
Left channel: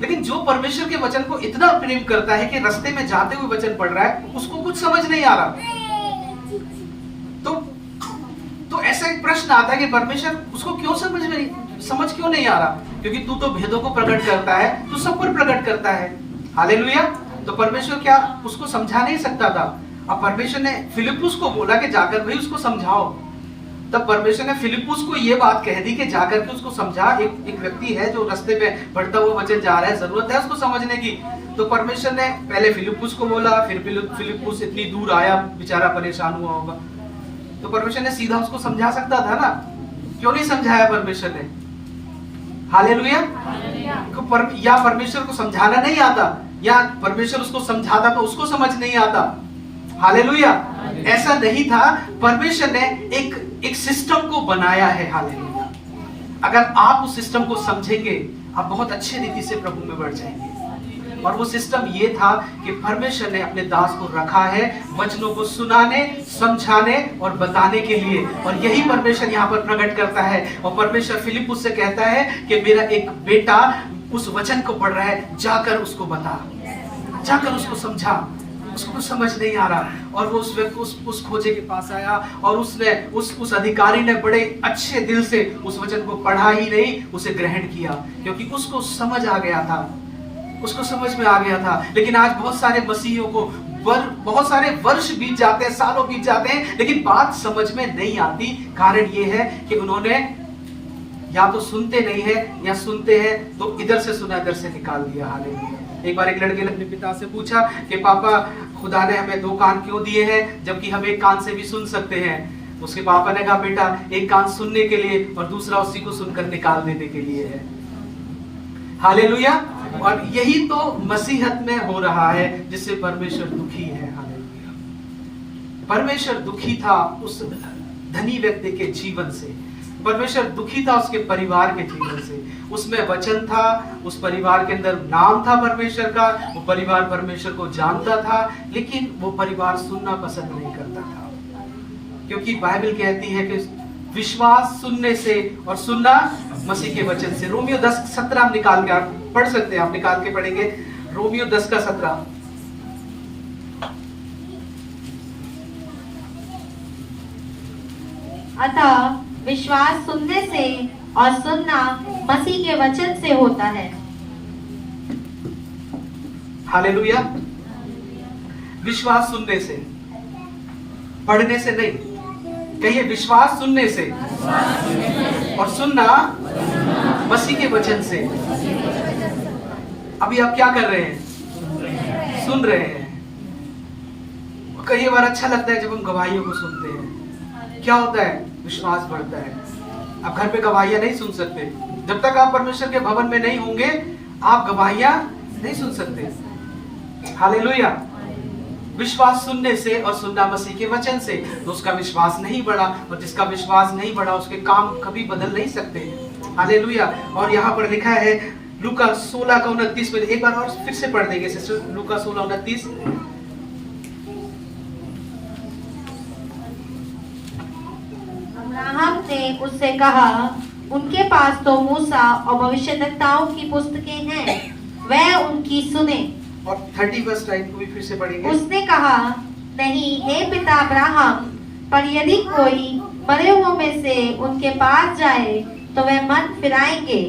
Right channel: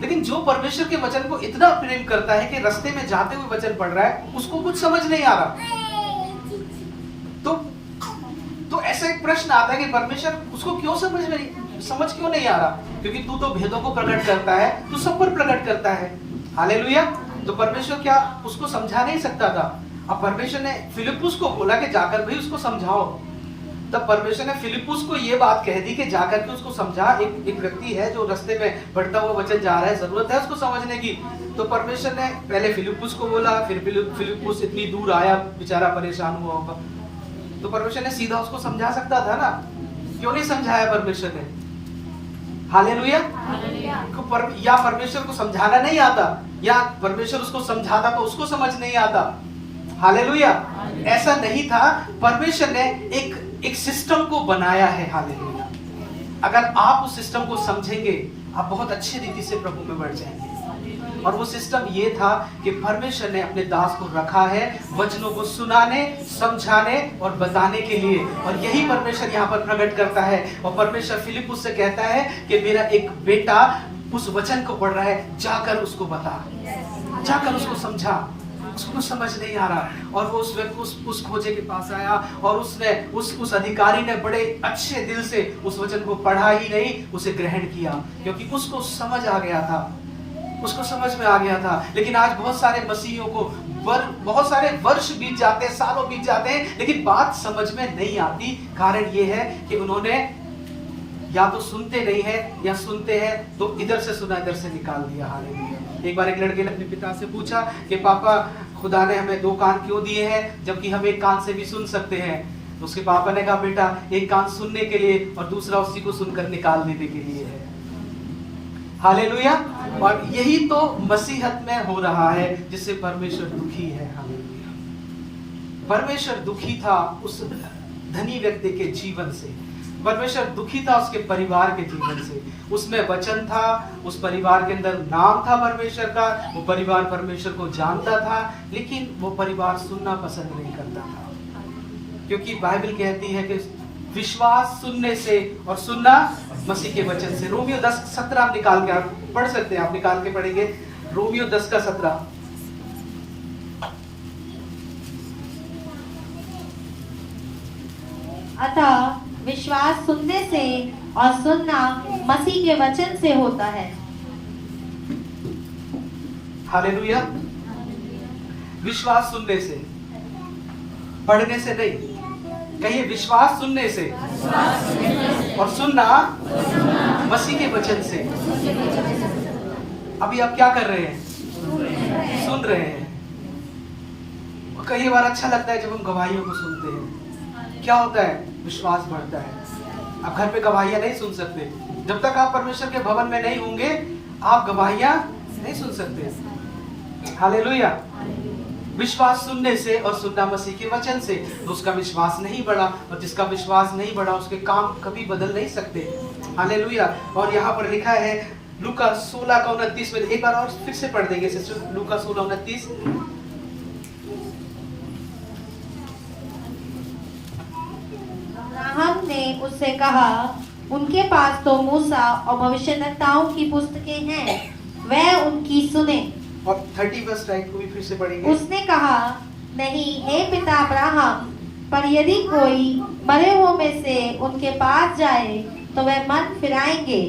लेकिन जो परमेश्वर के वचन को इतना प्रेम करता है कि रास्ते में जाते हुए वचन पढ़ रहा है, उसको कुछ समझ नहीं आ रहा, तो ऐसा एक प्रश्न आता है कि परमेश्वर उसको क्यों समझ क्यों नहीं आ रहा? क्योंकि तू तो भेदों को प्रकट करता है, तू सब पर प्रकट करता है। हालेलुया। तो परमेश्वर क्या उसको समझा नहीं सकता था? अब परमेश्वर ने फिलिप्पुस को बोला कि जाकर भाई उसको समझाओ। तब परमेश्वर ने फिलिप्पुस को ये बात कह दी कि जाकर के उसको समझा। एक व्यक्ति है जो रास्ते में बढ़ता हुआ वचन जा रहा है, जरूरत है उसको समझने की। तो परमेश्वर ने पहले फिलिप्पुस को बोला, फिर फिलिप्पुस इतनी दूर आया, बेचारा परेशान हुआ होगा, तो परमेश्वर ने सीधा उसको समझा सकता था ना, क्यों नहीं समझाया परमेश्वर ने? हालेलुया। या परमेश्वर को समझाना नहीं आता, या परमेश्वर उसको समझाता तो उसको समझ नहीं आता। हालेलुया। ऐसा नहीं था, परमेश्वर ने एक सिस्टम को बनाया है। हालेलुया। अगर आप उस सिस्टम को समझेंगे, आप बहुत अच्छे रीति से प्रभु में बढ़ जाएंगे। और वो सिस्टम ये था कि परमेश्वर ने अपने दास को रखा है वचनों को सुनाने, समझाने और बताने के लिए। और यही परमेश्वर यहाँ पर प्रकट करता है। और परमेश्वर फिलिप्पुस से कहता है कि मेरा एक बेटा उस वचन को पढ़ रहा है, जाकर उसको बता, जाकर उसको समझा। उसको कुछ समझ नहीं आ रहा। और वो उस खोजे के पास आया और उसने उस अधिकारी ने बड़े अच्छे दिल से उस वचन को पढ़ा ही नहीं, उसे ग्रहण किया, क्योंकि उसको समझ आ गया था उसको समझ में आ गया था। लेकिन आज बहुत सारे मसीहियों को बहुत सारे वर्ष बीत जाते हैं, सालों बीत जाते हैं, लेकिन बात समझ में नहीं आती। कारण ये है कि उन्होंने या तो सुनते नहीं है, या सुनते हैं तो इधर से सुना इधर से निकाल दिया। हालेलुया। एक बार एक लड़के ने अपने पिता से पूछा कि पापा, खुदा ने हमें 2 कान क्यों दिए हैं जबकि हम एक कान से भी सुन सकते हैं? तो उसके पापा ने कहा, बेटा, एक कान सुनने के लिए और दूसरा उसी को सुनकर निकाल देने के लिए है। हालेलुया। और यही तो मसीहत में हो रहा है, जिससे परमेश्वर दुखी है। हालेलुया। परमेश्वर दुखी था उस धनी व्यक्ति के जीवन से, परमेश्वर दुखी था उसके परिवार के जीवन से। उसमें वचन था, उस परिवार के अंदर नाम था परमेश्वर का, वो परिवार परमेश्वर को जानता था, लेकिन वो परिवार सुनना पसंद नहीं करता था। क्योंकि बाइबल कहती है कि विश्वास सुनने से और सुनना मसीह के वचन से। रोमियो 10:17 आप निकाल के आप पढ़ सकते हैं, आप निकाल के पढ़ेंगे। रोमियो 10:17। अतः विश्वास सुनने से और सुनना मसीह के वचन से होता है। हालेलुया। विश्वास सुनने से, पढ़ने से नहीं। कहिए, विश्वास सुनने से और सुनना मसीह के वचन से। अभी आप क्या कर रहे हैं? सुन रहे हैं। कई बार अच्छा लगता है जब हम गवाहियों को सुनते हैं। क्या होता है? विश्वास बढ़ता है। आप घर पे गवाहियां नहीं सुन सकते जब तक आप परमेश्वर के भवन में नहीं होंगे। आप गवाहियां नहीं सुन सकते। हालेलुया। विश्वास सुनने से और सुनना मसीह के वचन से। तो उसका विश्वास नहीं बढ़ा, और जिसका विश्वास नहीं बढ़ा उसके काम कभी बदल नहीं सकते। हालेलुया। और यहाँ पर लिखा है लूका 16:29 में, एक बार और फिर से पढ़ देंगे सिस्टर, लूका 16:29। ने उससे कहा, उनके पास तो मूसा और भविष्यद्वक्ताओं की पुस्तकें हैं, वह उनकी सुने। और 30 वर्ष को भी फिर से पढ़ेंगे। उसने कहा, नहीं हे पिता अब्राहम, पर यदि कोई मरे हुओं में से उनके पास जाए तो वे मन फिराएंगे।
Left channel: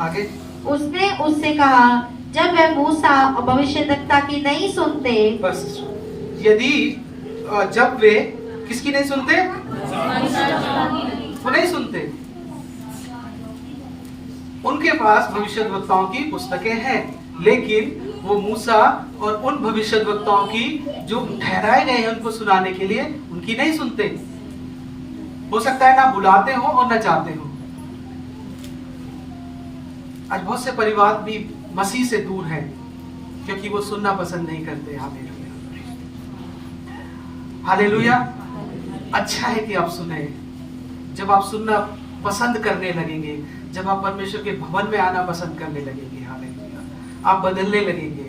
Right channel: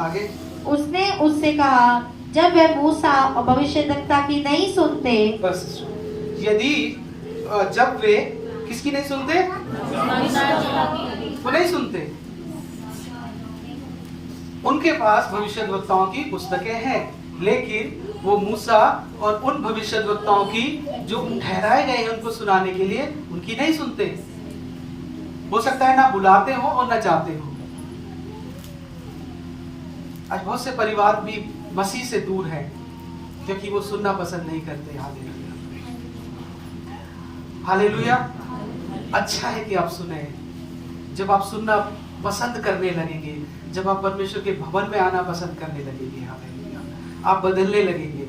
आगे उसने उससे कहा, जब वे मूसा और भविष्यद्वक्ता की नहीं सुनते। बस, यदि जब वे किसकी नहीं सुनते? वो नहीं सुनते। उनके पास भविष्यद्वक्ताओं की पुस्तकें हैं, लेकिन वो मूसा और उन भविष्यद्वक्ताओं की जो ठहराए गए हैं उनको सुनाने के लिए, उनकी नहीं सुनते। हो सकता है ना बुलाते हो और ना चाहते हो। आज बहुत से परिवार भी मसीह से दूर हैं क्योंकि वो सुनना पसंद नहीं करते। हालेलुया। हालेलुया। अच्छा है कि आप सुने। जब आप सुनना पसंद करने लगेंगे, जब आप परमेश्वर के भवन में आना पसंद करने लगेंगे, हालेलुया, आप बदलने लगेंगे।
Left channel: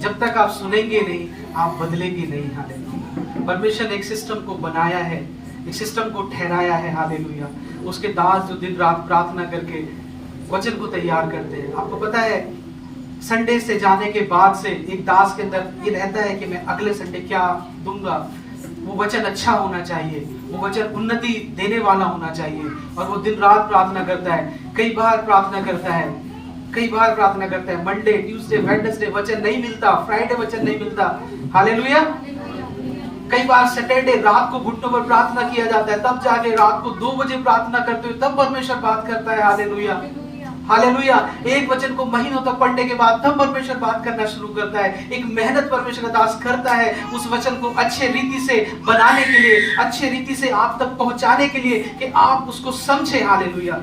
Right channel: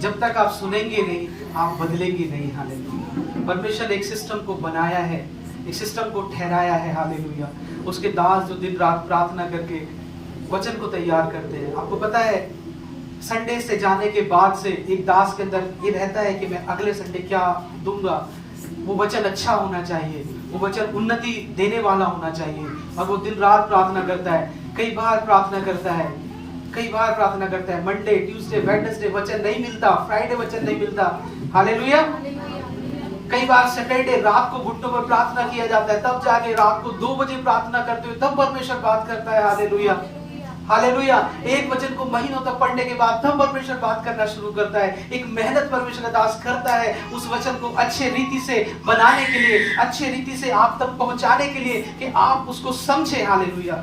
जब तक आप सुनेंगे नहीं, आप बदलेंगे नहीं। हालेलुया। परमेश्वर ने एक सिस्टम को बनाया है, एक सिस्टम को ठहराया है। हालेलुया। उसके दास जो दिन रात प्रार्थना करके वचन को तैयार करते हैं। आपको पता है, संडे से जाने के बाद से एक दास के अंदर ये रहता है कि मैं अगले संडे क्या दूंगा। वो वचन अच्छा होना चाहिए, वो वचन उन्नति देने वाला होना चाहिए, और वो दिन रात प्रार्थना करता है। कई बार प्रार्थना करता है, मंडे, ट्यूसडे, वेडनेसडे वचन नहीं मिलता, फ्राइडे वचन नहीं मिलता। हालेलुया। कई बार सैटरडे रात को घुटनों पर प्रार्थना किया जाता है, तब जाके रात को 2 बजे प्रार्थना करते हुए तब परमेश्वर बात करता है। हालेलुया। हालेलुया। एक वचन को महीनों तक पढ़ने के बाद तब परमेश्वर बात करना शुरू करता है। एक मेहनत परमेश्वर का दास करता है उस वचन को अच्छे रीति से बनाने के लिए, अच्छे रीति से आप तक पहुंचाने के लिए कि आप उसको समझे। हालेलुया।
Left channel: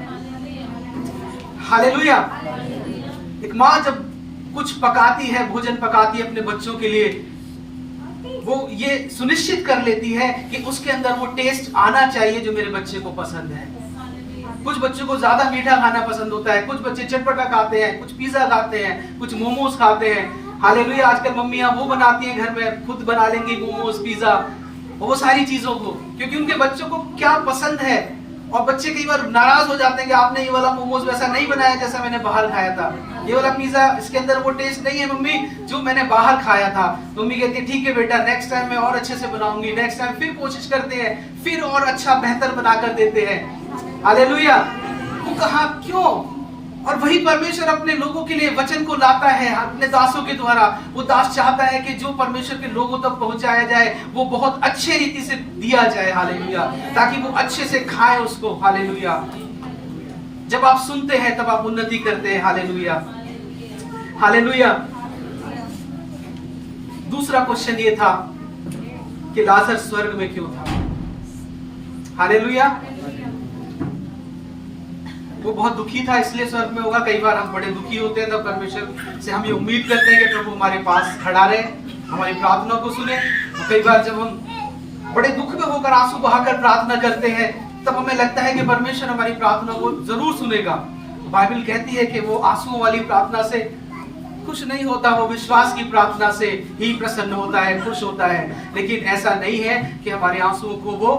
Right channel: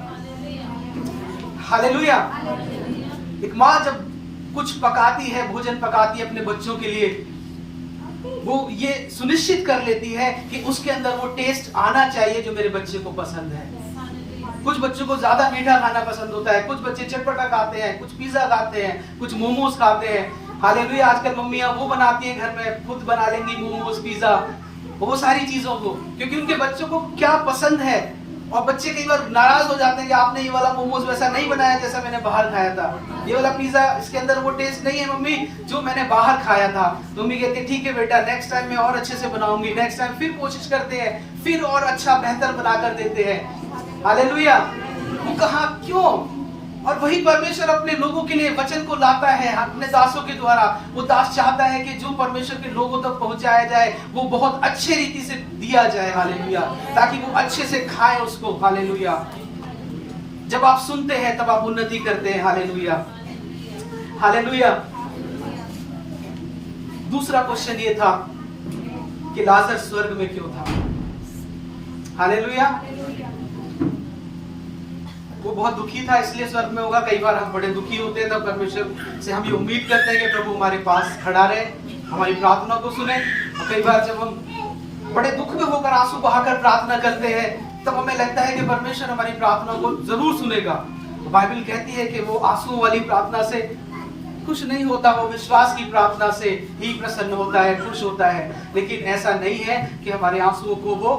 हालेलुया। एक माँ जब कुछ पकाती है, भोजन पकाती है अपने बच्चों के लिए, वो ये सुनिश्चित कर लेती है कि उसके अंदर वो टेस्ट आना चाहिए जो मेरे बच्चे को पसंद है। कुछ बच्चों को ज्यादा मीठा खाना पसंद होता है, कुछ बच्चे चटपटा खाते हैं, कुछ पिज्जा खाते हैं, कुछ मोमोज खाते हैं। हालेलुया। आजकल मम्मियां वो बनाती है घर में, खुद बना लेंगी मोमोज, पिज्जा, वो सारी चीजों को, क्योंकि उनके बच्चों को क्या पसंद है। और बच्चे कई बार नाराज हो जाते हैं कि आपने ये वाला मोमोज वैसा नहीं बनाया जैसा मैंने बाहर खाया था, ये वाला पिज्जा इसके अंदर वो टेस्ट नहीं है मम्मी जो मैंने बाहर खाया था। तो मम्मी कहती है ठीक है बेटा, नेक्स्ट टाइम मैं और अच्छे से बनाऊंगी। नेक्स्ट टाइम फिर कोशिश करते हैं, फिर और अच्छा बेहतर बना कर देते हैं। हालेलुया। वो कहा क्यों? और वही परमेश्वर अपने लोगों के लिए वचन को लाता है अपने दासों के द्वारा। वो दास चाहता है कि जो परमेश्वर के लोगों तक पहुंचाया जाए वो बहुत अच्छे रीति से दिया जाए, हालेलुया, ताकि वो अच्छे से खाएं उसको, हालेलुया। जब आप सुनते हैं तब आप उन्नति करते हैं, हालेलुया, हालेलुया। दूसरा क्वेश्चन ये था कि लाजर स्वर्ग में क्यों था, हालेलुया। वो बहुत दुखी था इसलिए स्वर्ग में होगा। कई बार हम बड़े दुखी होते हैं तब परमेश्वर से हम ये उम्मीद करते हैं कि प्रभु हमारे पास खड़ा रहे, हमारी प्रार्थना को सुने। कई बार जब हम बड़े दुख में होकर आंसू बहाकर प्रार्थना करते हैं तब हमें लगता है कि परमेश्वर हमारी प्रार्थना को जरूर सुनेगा। बाइबल कहती है कि वो आंसू वाली प्रार्थना से खुश नहीं होता, वो विश्वास की प्रार्थना से ही प्रसन्न होता है, खुश होता है। लेकिन ऐसा नहीं है कि हमारे आंसुओं को वो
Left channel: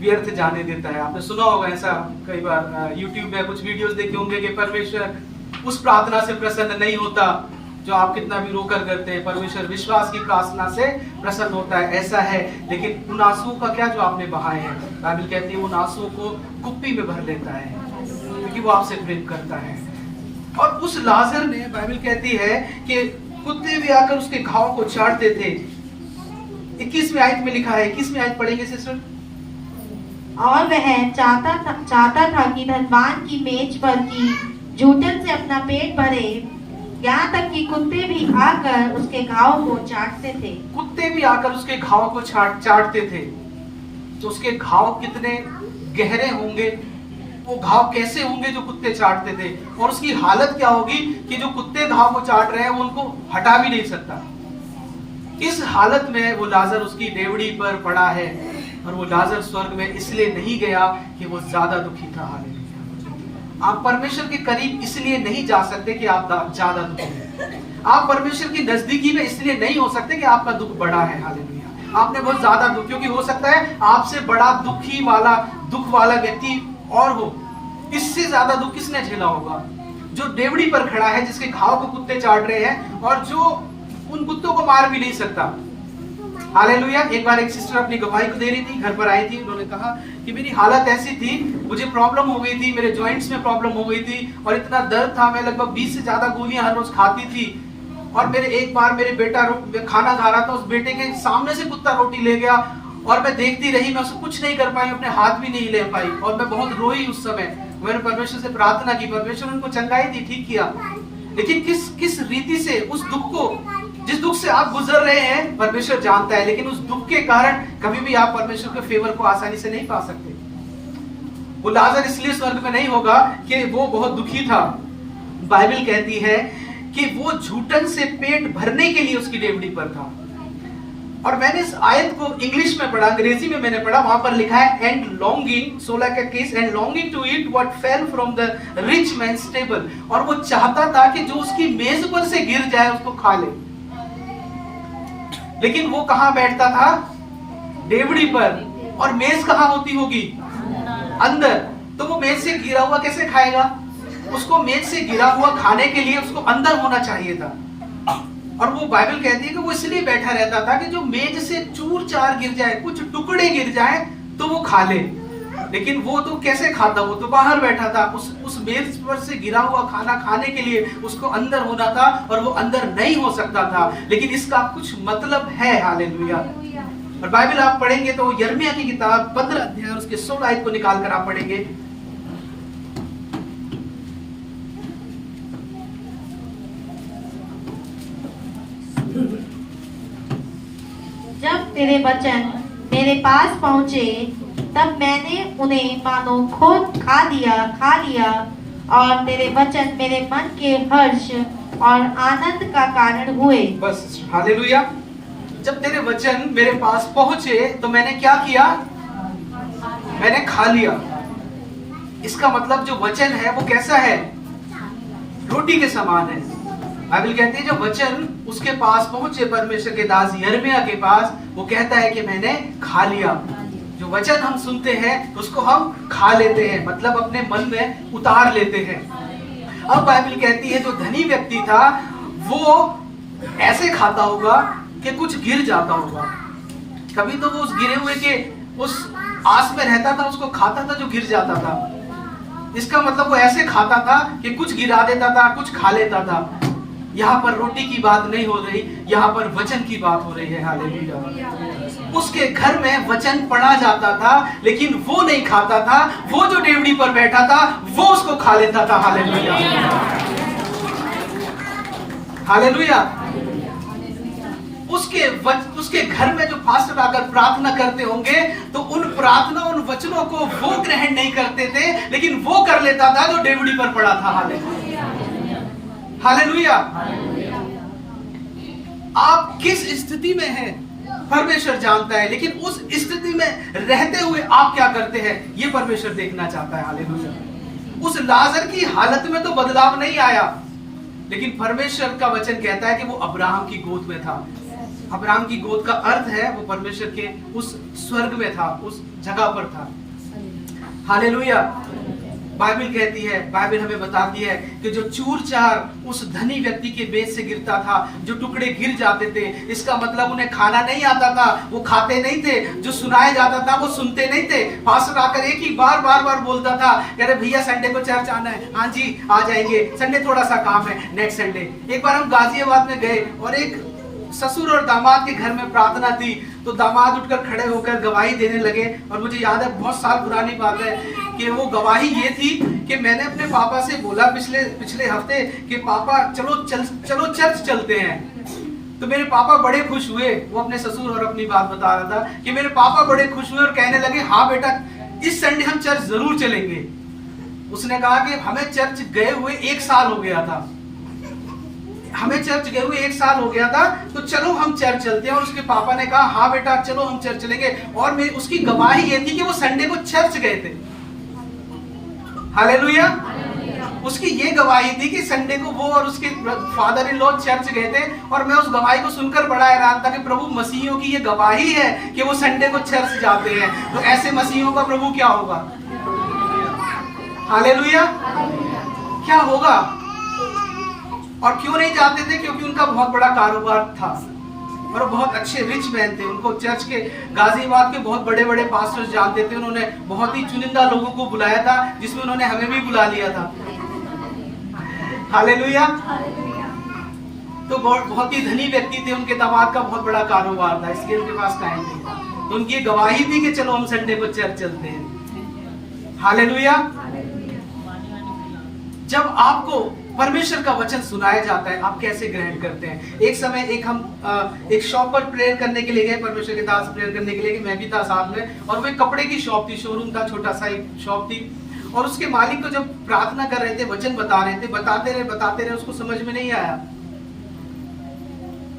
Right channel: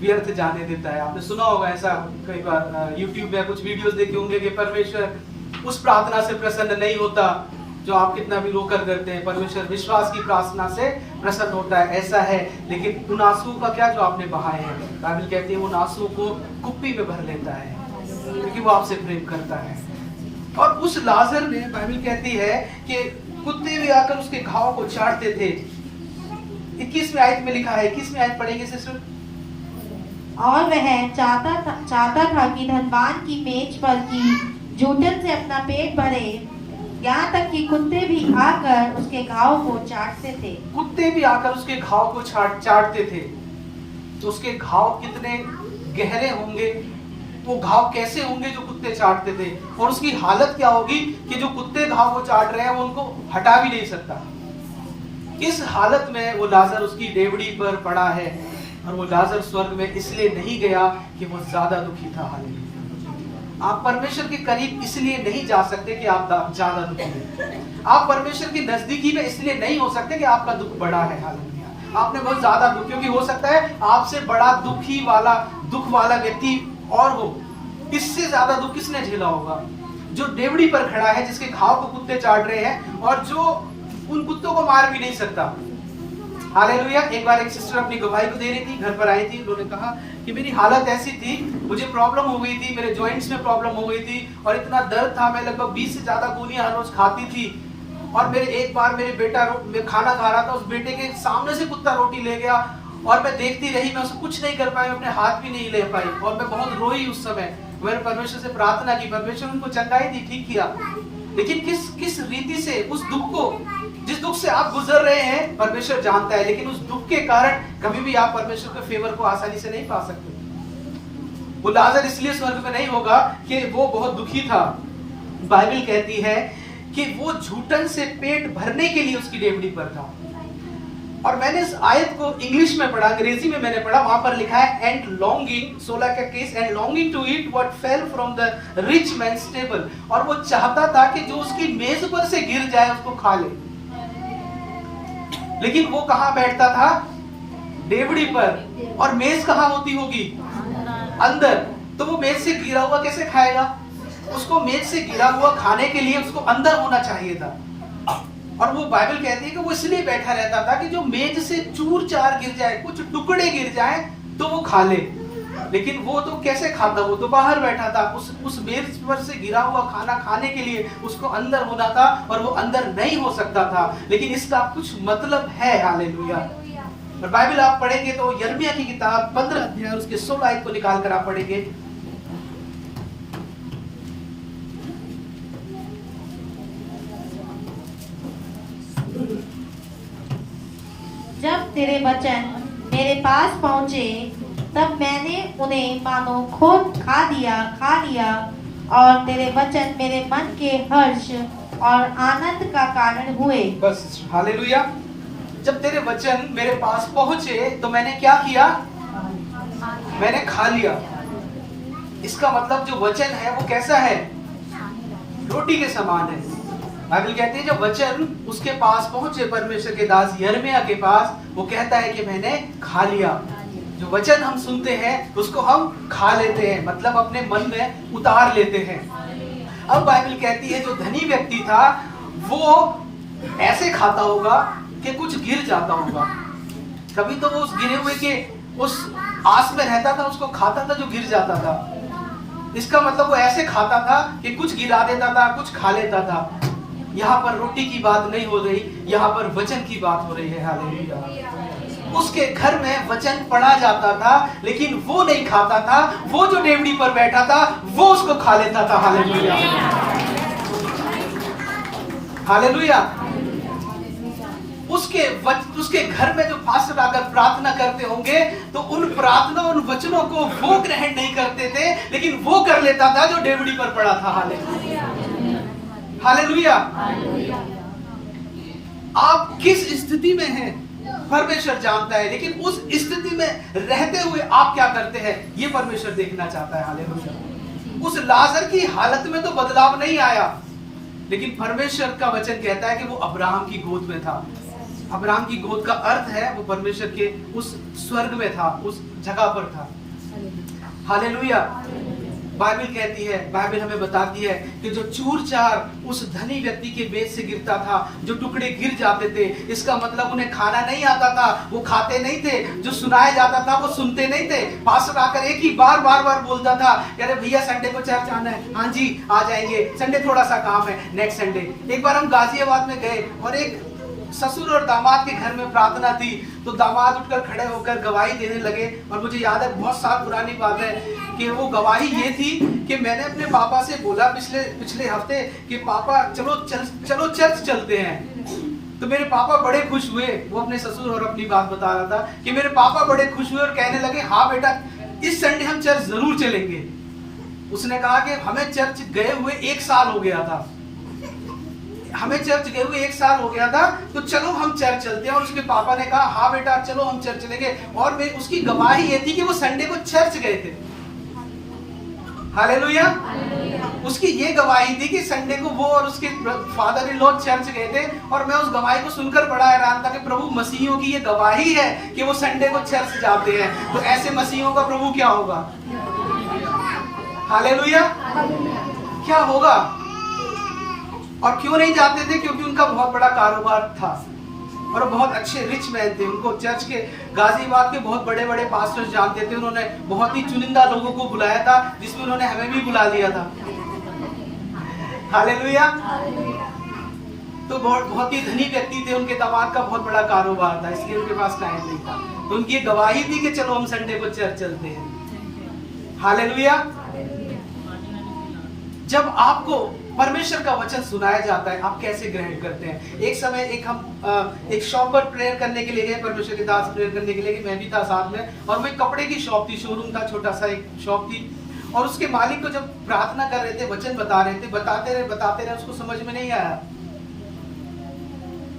व्यर्थ जाने देता है। आपने सुना होगा ऐसा, कई बार YouTube में कुछ वीडियोस देखे होंगे कि परमेश्वर उस प्रार्थना से प्रसन्न नहीं होता जो आप कितना भी रोकर करते हैं। परमेश्वर विश्वास की प्रार्थना से प्रसन्न होता है, ऐसा है। लेकिन उन आंसुओं का क्या जो आपने बहाए हैं, बाइबल कहती है उन आंसुओं को कुप्पी में भर लेता है, क्योंकि वो आपसे प्रेम करता है। और उस लाजर ने, बाइबल कहती है कि कुत्ते भी आकर उसके घाव को चाटते थे। 21वीं आयत में लिखा है, 21वीं आयत पढ़ेंगे सिस्टर। और वह चाहता था कि धनवान की मेज पर की जूठन से अपना पेट भरे, यहाँ तक कि कुत्ते भी आकर उसके घाव को चाटते थे। कुत्ते भी आकर उसके घाव को चाटते थे। तो उसके घाव कितने गहरे होंगे, वो घाव कैसे होंगे जो कुत्ते चाटते थे, और उसकी हालत क्या होगी कि जो कुत्ते घाव को चाट रहे हैं वो उनको हटा भी नहीं सकता। इस हालत में वो लाजर उसकी डेवड़ी पर पड़ा है। और वो लाजर स्वर्ग में इसलिए नहीं गया कि वो ज्यादा दुखी था, हालेलुया। आप परमेश्वर के करीब इसलिए नहीं जा सकते कि आप ज्यादा दुखी हैं। आप परमेश्वर की नजदीकी में इसलिए नहीं हो सकते कि आपका दुख बड़ा है, हालेलुया। आपने बहुत ज्यादा दुख, क्योंकि हो सकता है आपसे बड़ा दुख वाला व्यक्ति और हो। इससे ज्यादा दुख किसने झेला होगा? जो डेवड़ी पर खड़ा है, जिसके घाव को कुत्ते चाट रहे हैं और जो उन कुत्तों को मार भी नहीं सकता, हालेलुया। एक बार एक सिस्टर अपनी गवाही को दे रही थी, घर पर आई थी, उन्होंने कहा कि मेरी हालत ऐसी थी, मुझे प्रॉब्लम हो गई थी, मेरे जॉइंट्स में प्रॉब्लम हो गई थी और इतना दर्द था, मैं लगभग 20 से ज्यादा गोलियां हर रोज खाती थी। और एक बार मेरे बेटा खाना खा रहा था, उस बेटे के सामने से कुत्ता रोटी ले गया और मैं देखती रही, मैं उसको कुछ नहीं कर पाई, अपने हाथ भी नहीं ले पाई और मैं बहुत रोई उस समय। मैंने परमेश्वर से प्रार्थना की, परमेश्वर उनको चंगाई दी, ठीक किया। लेकिन किस रीति से उस दुख को, जिस दुख से आप गुजर रहे हैं, परमेश्वर जानता है। लेकिन उस दुख के कारण कभी भी आप परमेश्वर के फेवर को आसानी से नहीं पा सकते। वो लाजर इसलिए स्वर्ग में नहीं होगा कि वो बहुत दुखी था। बाइबल कहती है कि वो झूठन से पेट भरने के लिए उसकी डेवड़ी पर था। और मैंने इस आयत को इंग्लिश में पढ़ा, अंग्रेजी में मैंने पढ़ा, वहां पर लिखा है एंड लॉन्गिंग, 16 का case, and longing to eat what fell from the rich man's table. और वो चाहता था कि जो उसकी मेज पर से गिर जाए उसको खा ले। लेकिन वो कहां बैठता था? डेवड़ी पर। और मेज कहां होती होगी? अंदर। तो वो मेज से गिरा हुआ कैसे खाएगा? उसको मेज से गिरा हुआ खाने के लिए उसको अंदर होना चाहिए था। और वो बाइबल कहती है कि वो इसलिए बैठा रहता था कि जो मेज से चूर चार गिर जाए, कुछ टुकड़े गिर जाए तो वो खा ले। लेकिन वो तो कैसे खाता? वो तो बाहर बैठा था। उस मेज पर से गिरा हुआ खाना खाने के लिए उसको अंदर होना था और वो अंदर नहीं हो सकता था। लेकिन इसका कुछ मतलब है, हालेलुया। और बाइबल आप पढ़ेंगे तो यिर्मयाह की किताब 15 अध्याय उसके 16 आयत को निकाल कर आप पढ़ेंगे। जब तेरे वचन मेरे पास पहुंचे तब मैंने उन्हें मानो खुद खा लिया और तेरे वचन मेरे मन के हर्ष और आनंद का कारण हुए। बस, हालेलुया। जब तेरे वचन मेरे पास पहुंचे तो मैंने क्या किया? मैंने खा लिया। इसका मतलब जो वचन है वो कैसा है? रोटी के समान है। बाइबल कहती है जो वचन उसके पास पहुंचे, परमेश्वर के दास यिर्मयाह के पास, वो कहता है कि मैंने खा लिया। जो वचन हम सुनते हैं उसको हम खा लेते हैं, मतलब अपने मन में उतार लेते हैं। अब बाइबल कहती है जो धनी व्यक्ति था वो ऐसे खाता होगा कि कुछ गिर जाता होगा। कभी तो वो उस गिरे हुए के उस आस में रहता था, उसको खाता था जो गिर जाता था। इसका मतलब वो ऐसे खाता था कि कुछ गिरा देता था, कुछ खा लेता था। यहाँ पर रोटी की बात नहीं हो रही, यहाँ पर वचन की बात हो रही है। हालेलुया। उसके घर में वचन पढ़ा जाता था, लेकिन वो नहीं खाता था। वो जो डेवढ़ी पर बैठा था वो उसको खा लेता था। Hallelujah, hallelujah. उसके घर में जो पास्टर आकर प्रार्थना करते होंगे तो उन प्रार्थना, उन वचनों को वो ग्रहण नहीं करते थे, लेकिन वो कर लेता था जो डेवढ़ी पर पड़ा था। Hallelujah, hallelujah. आप किस स्थिति में हैं परमेश्वर जानता है, लेकिन उस स्थिति में रहते हुए आप क्या करते हैं ये परमेश्वर देखना चाहता है। हालेलुया। उस लाजर की हालत में तो बदलाव नहीं आया, लेकिन परमेश्वर का वचन कहता है कि वो अब्राहम की गोद में था। अब्राहम की गोद का अर्थ है वो परमेश्वर के उस स्वर्ग में था, उस जगह पर था। हालेलुया। बाइबल कहती है, बाइबल हमें बताती है कि जो चूर चार उस धनी व्यक्ति के बेच से गिरता था, जो टुकड़े गिर जाते थे, इसका मतलब उन्हें खाना नहीं आता था, वो खाते नहीं थे। जो सुनाया जाता था वो सुनते नहीं थे। पास्टर आकर एक ही बार बोलता था, अरे भैया संडे को चर्च आना है। हाँ जी आ जाएंगे, संडे थोड़ा सा काम है, नेक्स्ट संडे। एक बार हम गाजियाबाद में गए और एक ससुर और दामाद के घर में प्रार्थना थी, तो दामाद उठकर खड़े होकर गवाही देने लगे। और मुझे याद है, बहुत साल पुरानी बात है, कि वो गवाही ये थी कि मैंने अपने पापा से बोला पिछले हफ्ते कि पापा चलो चर्च चलते हैं। तो मेरे पापा बड़े खुश हुए। वो अपने ससुर और अपनी बात बता रहा था कि मेरे पापा बड़े खुश हुए और कहने लगे, हाँ बेटा इस संडे हम चर्च जरूर चलेंगे। उसने कहा कि हमें चर्च गए हुए 1 साल हो गया था, तो चलो हम चर्च चलते हैं। और उसके पापा ने कहा, हाँ बेटा चलो हम चर्च चलेंगे। और उसकी गवाही ये थी कि वो संडे को चर्च गए थे। हालेलुया। उसकी ये गवाही थी कि संडे को वो और उसके फादर इन लॉ चर्च गए थे। और मैं उस गवाही को सुनकर बड़ा हैरान था कि प्रभु मसीहियों की ये गवाही है कि वो संडे को चर्च जाते हैं, तो ऐसे मसीहियों का प्रभु क्या होगा। हालेलुया। क्या होगा। और क्यों नहीं जाते थे, क्योंकि उनका बहुत बड़ा कारोबार था और बहुत अच्छे रिच मैन थे। उनको चर्च के गाजियाबाद के बहुत बड़े बड़े पास्टर्स जानते थे। उन्होंने बहुत ही चुनिंदा लोगों को बुलाया था, जिसमें उन्होंने हमें भी बुला लिया था। हालेलुया। तो बहुत ही धनी व्यक्ति थे, उनके दामाद का बहुत बड़ा कारोबार था, इसलिए उनके पास टाइम नहीं था। तो उनकी ये गवाही थी कि चलो हम संडे को चर्च चलते हैं। हालेलुया। जब आपको परमेश्वर का वचन सुनाया जाता है, आप कैसे ग्रहण करते हैं। एक समय हम एक शॉप पर प्रेयर करने के लिए गए, परमेश्वर के दास प्रेयर करने के लिए, कि मैं भी था साथ में। और वो एक कपड़े की शॉप थी, शोरूम था, छोटा सा एक शॉप थी। और उसके मालिक को जब प्रार्थना कर रहे थे, वचन बता रहे थे, बताते रहे, उसको समझ में नहीं आया।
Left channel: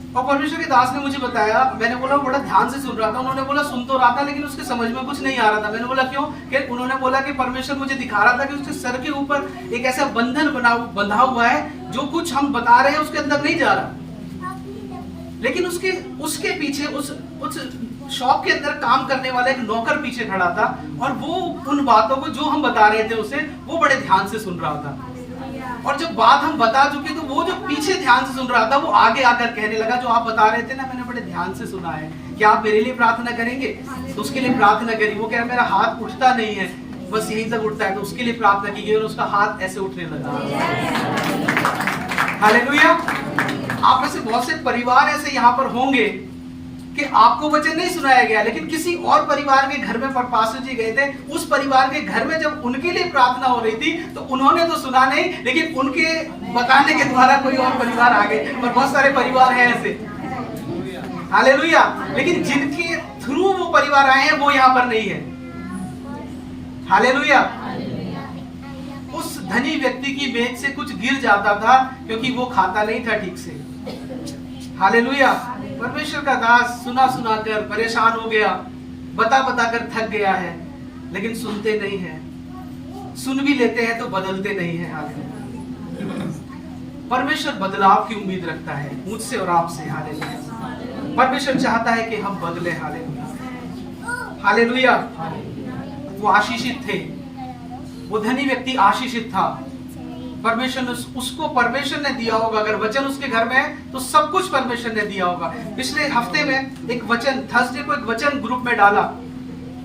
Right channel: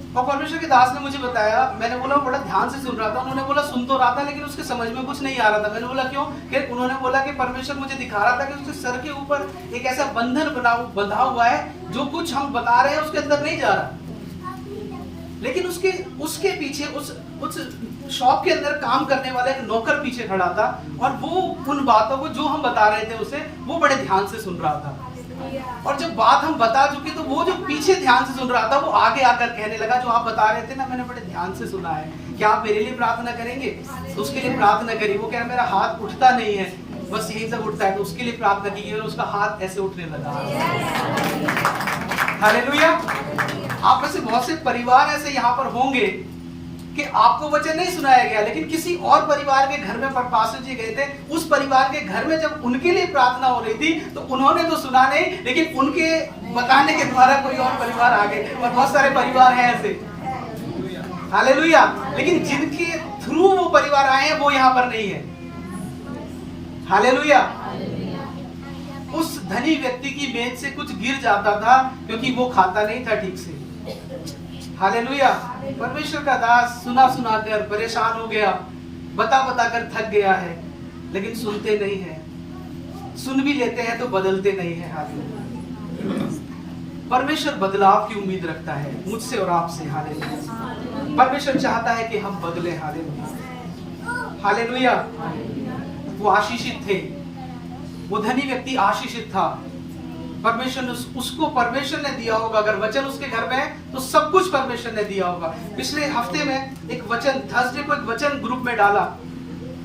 और परमेश्वर के दास ने मुझे बताया, मैंने बोला बड़ा ध्यान से सुन रहा था। उन्होंने बोला सुन तो रहा था, लेकिन उसके समझ में कुछ नहीं आ रहा था। मैंने बोला क्यों। कि उन्होंने बोला कि परमेश्वर मुझे दिखा रहा था कि उसके सर के ऊपर एक ऐसा बंधन बंधा हुआ है, जो कुछ हम बता रहे हैं उसके अंदर नहीं जा रहा। लेकिन उसके पीछे उस शॉप के अंदर काम करने वाला एक नौकर पीछे खड़ा था, और वो उन बातों को जो हम बता रहे थे उसे वो बड़े ध्यान से सुन रहा था। और जब बात हम बता चुके तो वो जो पीछे ध्यान से सुन रहा था, वो आगे आकर कहने लगा, जो आप बता रहे थे ना, मैंने बड़े ध्यान से सुना है, क्या आप मेरे लिए प्रार्थना करेंगे। तो उसके लिए प्रार्थना करी। वो क्या, मेरा हाथ उठता नहीं है, बस यही सब उठता है। तो उसके लिए प्रार्थना की और उसका हाथ ऐसे उठने लगा। हालेलुया। आप में से बहुत से परिवार ऐसे यहाँ पर होंगे कि आपको वचन नहीं सुनाया गया, लेकिन किसी और परिवार के घर में पास्टर जी गए थे। उस परिवार के घर में जब उनके लिए प्रार्थना हो रही थी, तो उन्होंने तो सुना नहीं, लेकिन उनके बताने के द्वारा कोई और परिवार आ गए। और बहुत सारे परिवार हैं ऐसे। हालेलुया। लेकिन जिनके थ्रू वो परिवार आए हैं वो यहाँ पर नहीं है। हालेलुया। उस धनी व्यक्ति की मेज से कुछ गिर जाता था, क्योंकि वो खाता नहीं था ठीक से। हालेलुया। परमेश्वर का दास सुना कर परेशान हो गया, बता कर थक गया है, लेकिन सुनते नहीं है। सुन भी लेते हैं तो बदलते नहीं है। हालेलुया। परमेश्वर बदलाव की उम्मीद रखता है मुझसे और आपसे। हालेलुया। परमेश्वर चाहता है कि हम बदले। हालेलुया। हालेलुया। वो आशीषित थे, वो धनी व्यक्ति आशीषित था। परमेश्वर ने दिया होगा। अगर वचन उसके घर में है तो सब कुछ परमेश्वर ने दिया होगा। पिछले हफ्ते में एक वचन, थर्सडे को एक वचन ग्रुप में डाला,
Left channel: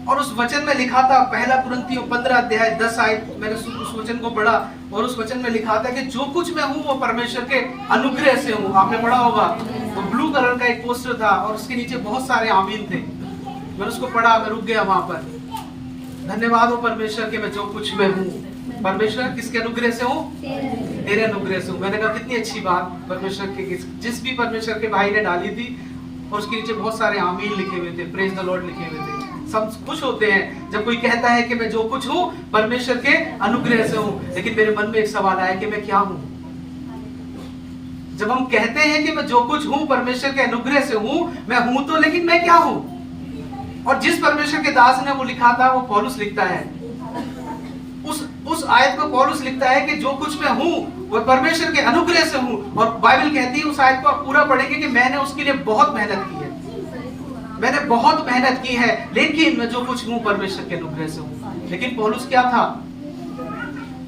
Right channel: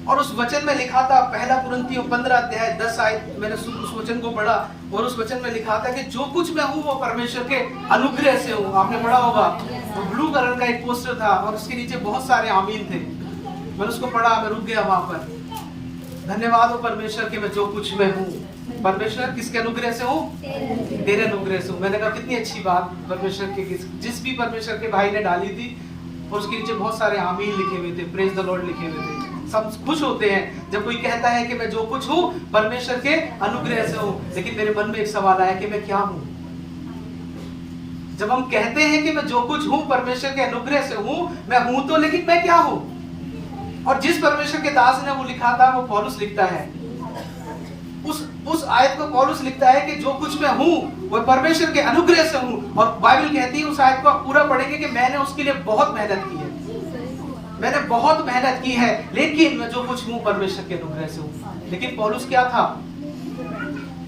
और उस वचन में लिखा था, पहला कुरिन्थियों 15 अध्याय 10 आयत, मैंने उस वचन को पढ़ा और उस वचन में लिखा था कि जो कुछ मैं हूँ वो परमेश्वर के अनुग्रह से हूँ। आपने पढ़ा होगा, वो ब्लू कलर का एक पोस्टर था और उसके नीचे बहुत सारे आमीन थे। मैंने उसको पढ़ा, मैं रुक गया वहां पर। धन्यवाद हो परमेश्वर के मैं जो कुछ मैं हूँ, परमेश्वर किसके अनुग्रह से हूँ? तेरे अनुग्रह से हूँ। मैंने कहा कितनी अच्छी बात परमेश्वर के, जिस भी परमेश्वर के भाई ने डाली थी, और उसके नीचे बहुत सारे आमीन लिखे हुए थे, प्रेज द लॉर्ड लिखे हुए थे। सब खुश होते हैं जब कोई कहता है कि मैं जो कुछ हूँ परमेश्वर के अनुग्रह से हूँ। लेकिन मेरे मन में एक सवाल आया कि मैं क्या हूँ? जब हम कहते हैं कि मैं जो कुछ हूँ परमेश्वर के अनुग्रह से हूँ, मैं हूँ तो, लेकिन मैं क्या हूँ? और जिस परमेश्वर के दास ने वो लिखा था, वो पौलुस लिखता है। उस आयत को पौलुस लिखता है कि जो कुछ मैं हूँ वो परमेश्वर के अनुग्रह से हूँ। और बाइबल कहती है, उस आयत को आप पूरा पढ़ेंगे, कि मैंने उसके लिए बहुत मेहनत की है, मैंने बहुत मेहनत की है, लेकिन मैं जो कुछ हूँ परमेश्वर के अनुग्रह से हूँ। लेकिन पौलुस क्या था?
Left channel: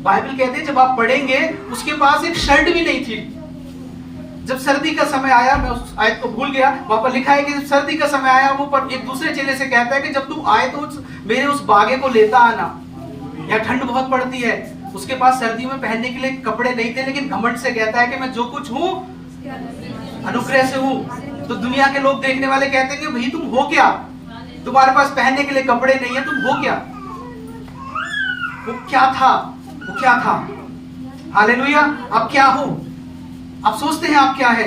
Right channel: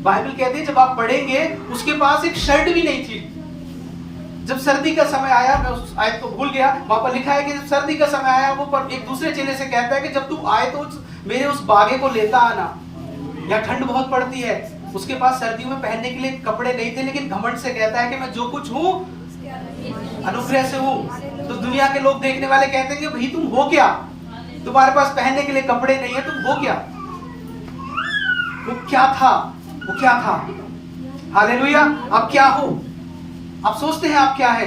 बाइबल कहती है, जब आप पढ़ेंगे, उसके पास एक शर्ट भी नहीं थी। जब सर्दी का समय आया, मैं उस आयत को भूल गया, वहां पर लिखा है कि जब सर्दी का समय आया, वो पर एक दूसरे चेले से कहता है कि जब तू आए तो मेरे उस बागे को लेता आना, या ठंड बहुत पड़ती है। उसके पास सर्दियों में पहनने के लिए कपड़े नहीं थे, लेकिन घमंड से कहता है कि मैं जो कुछ हूँ अनुग्रह से हूँ। तो दुनिया के लोग देखने वाले कहते हैं कि भाई तुम हो क्या, तुम्हारे पास पहनने के लिए कपड़े नहीं है, तुम हो क्या? वो क्या था? वो क्या था? हालेलुया। आप क्या हो? आप सोचते हैं आप क्या है?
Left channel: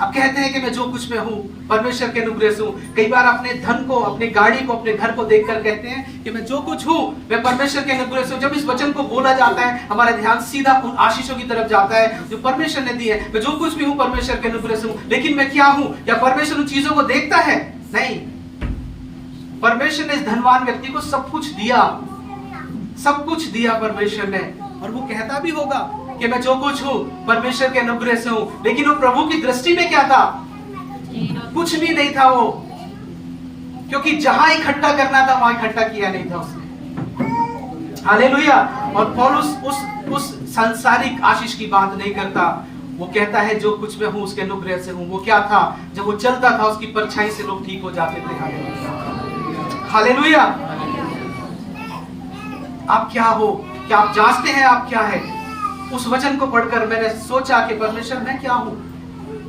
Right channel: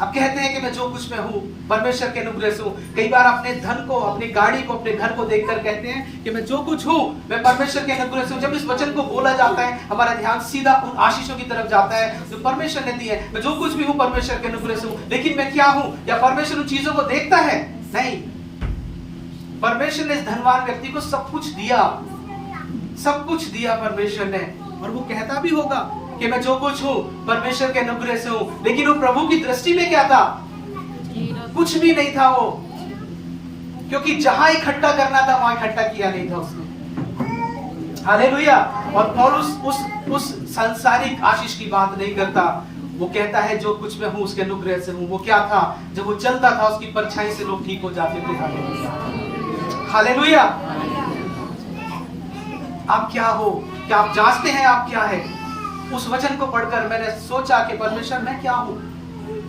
आप कहते हैं कि मैं जो कुछ मैं हूँ परमेश्वर के अनुग्रह से हूँ। कई बार अपने धन को, अपनी गाड़ी को, अपने घर को देखकर कहते हैं कि मैं जो कुछ हूँ मैं परमेश्वर के अनुग्रह से हूँ। जब इस वचन को बोला जाता है, हमारा ध्यान सीधा उन आशीषों की तरफ जाता है जो परमेश्वर ने दी है। मैं जो कुछ भी हूँ परमेश्वर के अनुग्रह से हूँ, लेकिन मैं क्या हूँ? या परमेश्वर उन चीजों को देखता है? नहीं। परमेश्वर ने इस धनवान व्यक्ति को सब कुछ दिया, सब कुछ दिया परमेश्वर ने, और वो कहता भी होगा कि मैं जो कुछ हूँ परमेश्वर के अनुग्रह से हूँ। लेकिन वो प्रभु की दृष्टि में क्या था? कुछ भी नहीं था वो, क्योंकि जहां इकट्ठा करना था वहां इकट्ठा किया नहीं था उसने। हालेलुया। और पौलुस उस सांसारिक आशीष की बात नहीं करता, वो कहता है जो कुछ मैं हूँ उसके अनुग्रह से हूँ। वो क्या था? जब वो चलता था उसकी परछाई से लोग ठीक हो जाते थे। हालेलुया। आप क्या हो? क्या आप जांचते हैं आप क्या है? उस वचन को पढ़कर मैंने सोचा कि परमेश्वर मैं क्या हूं?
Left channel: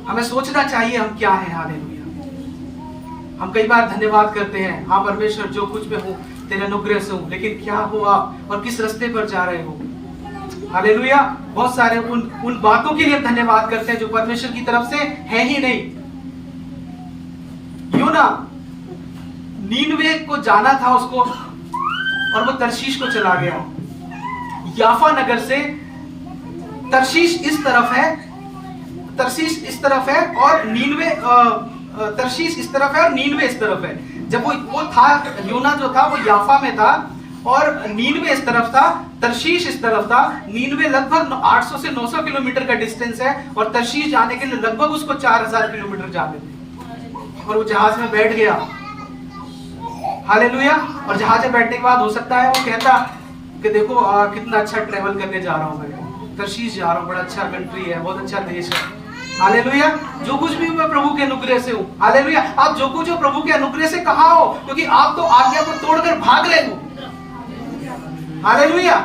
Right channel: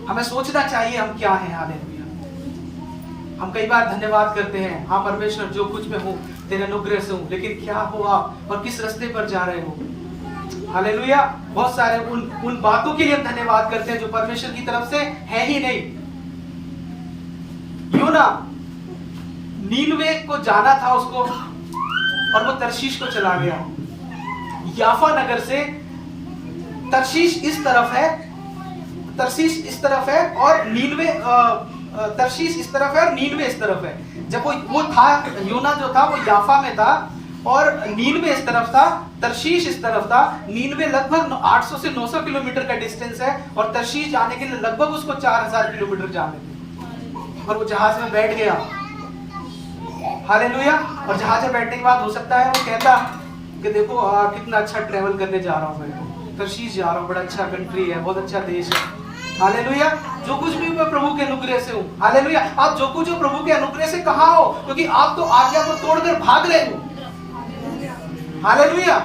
हमें सोचना चाहिए हम क्या है। हालेलुया। हम कई बार धन्यवाद करते हैं, हाँ परमेश्वर जो कुछ मैं हूं तेरे अनुग्रह से हूं, लेकिन क्या हो आप और किस रास्ते पर जा रहे हो? हालेलुया। बहुत सारे उन बातों के लिए धन्यवाद करते हैं जो परमेश्वर की तरफ से है ही नहीं। यूना नीनवे को जाना था उसको, और वो तर्शीश को चला गया। याफा नगर से तर्शीश इस तरफ है, तर्शीश इस तरफ है, और नीनवे तर्शीश इस तरफ है और नीनवे इस तरफ है। जब वो था, यूना जो था वो याफा में था और नीनवे इस तरफ था, तर्शीश इस तरफ था। नीनवे लगभग 800 से 900 किलोमीटर का डिस्टेंस है, और तर्शीश जाने के लिए लगभग उसको 4000 किलोमीटर जाने थे। और वो जहाज में बैठ गया। हालेलुया। और जहाज में बैठने के बाद हो सकता है वो कहता कि देखो कितना अच्छा ट्रेवल करने जा रहा हूं, मैं तर्शीश जा रहा हूं, बड़ा अच्छा कंट्री है, बहुत अच्छा देश है। हालेलुया। जो कुछ भी मैं प्रभु के अनुग्रह से हूँ। हालेलुया। आप जो कुछ हो प्रभु के अनुग्रह से कहाँ हो? क्योंकि आप तो आज्ञा को तोड़कर भाग रहे हो। हालेलुया।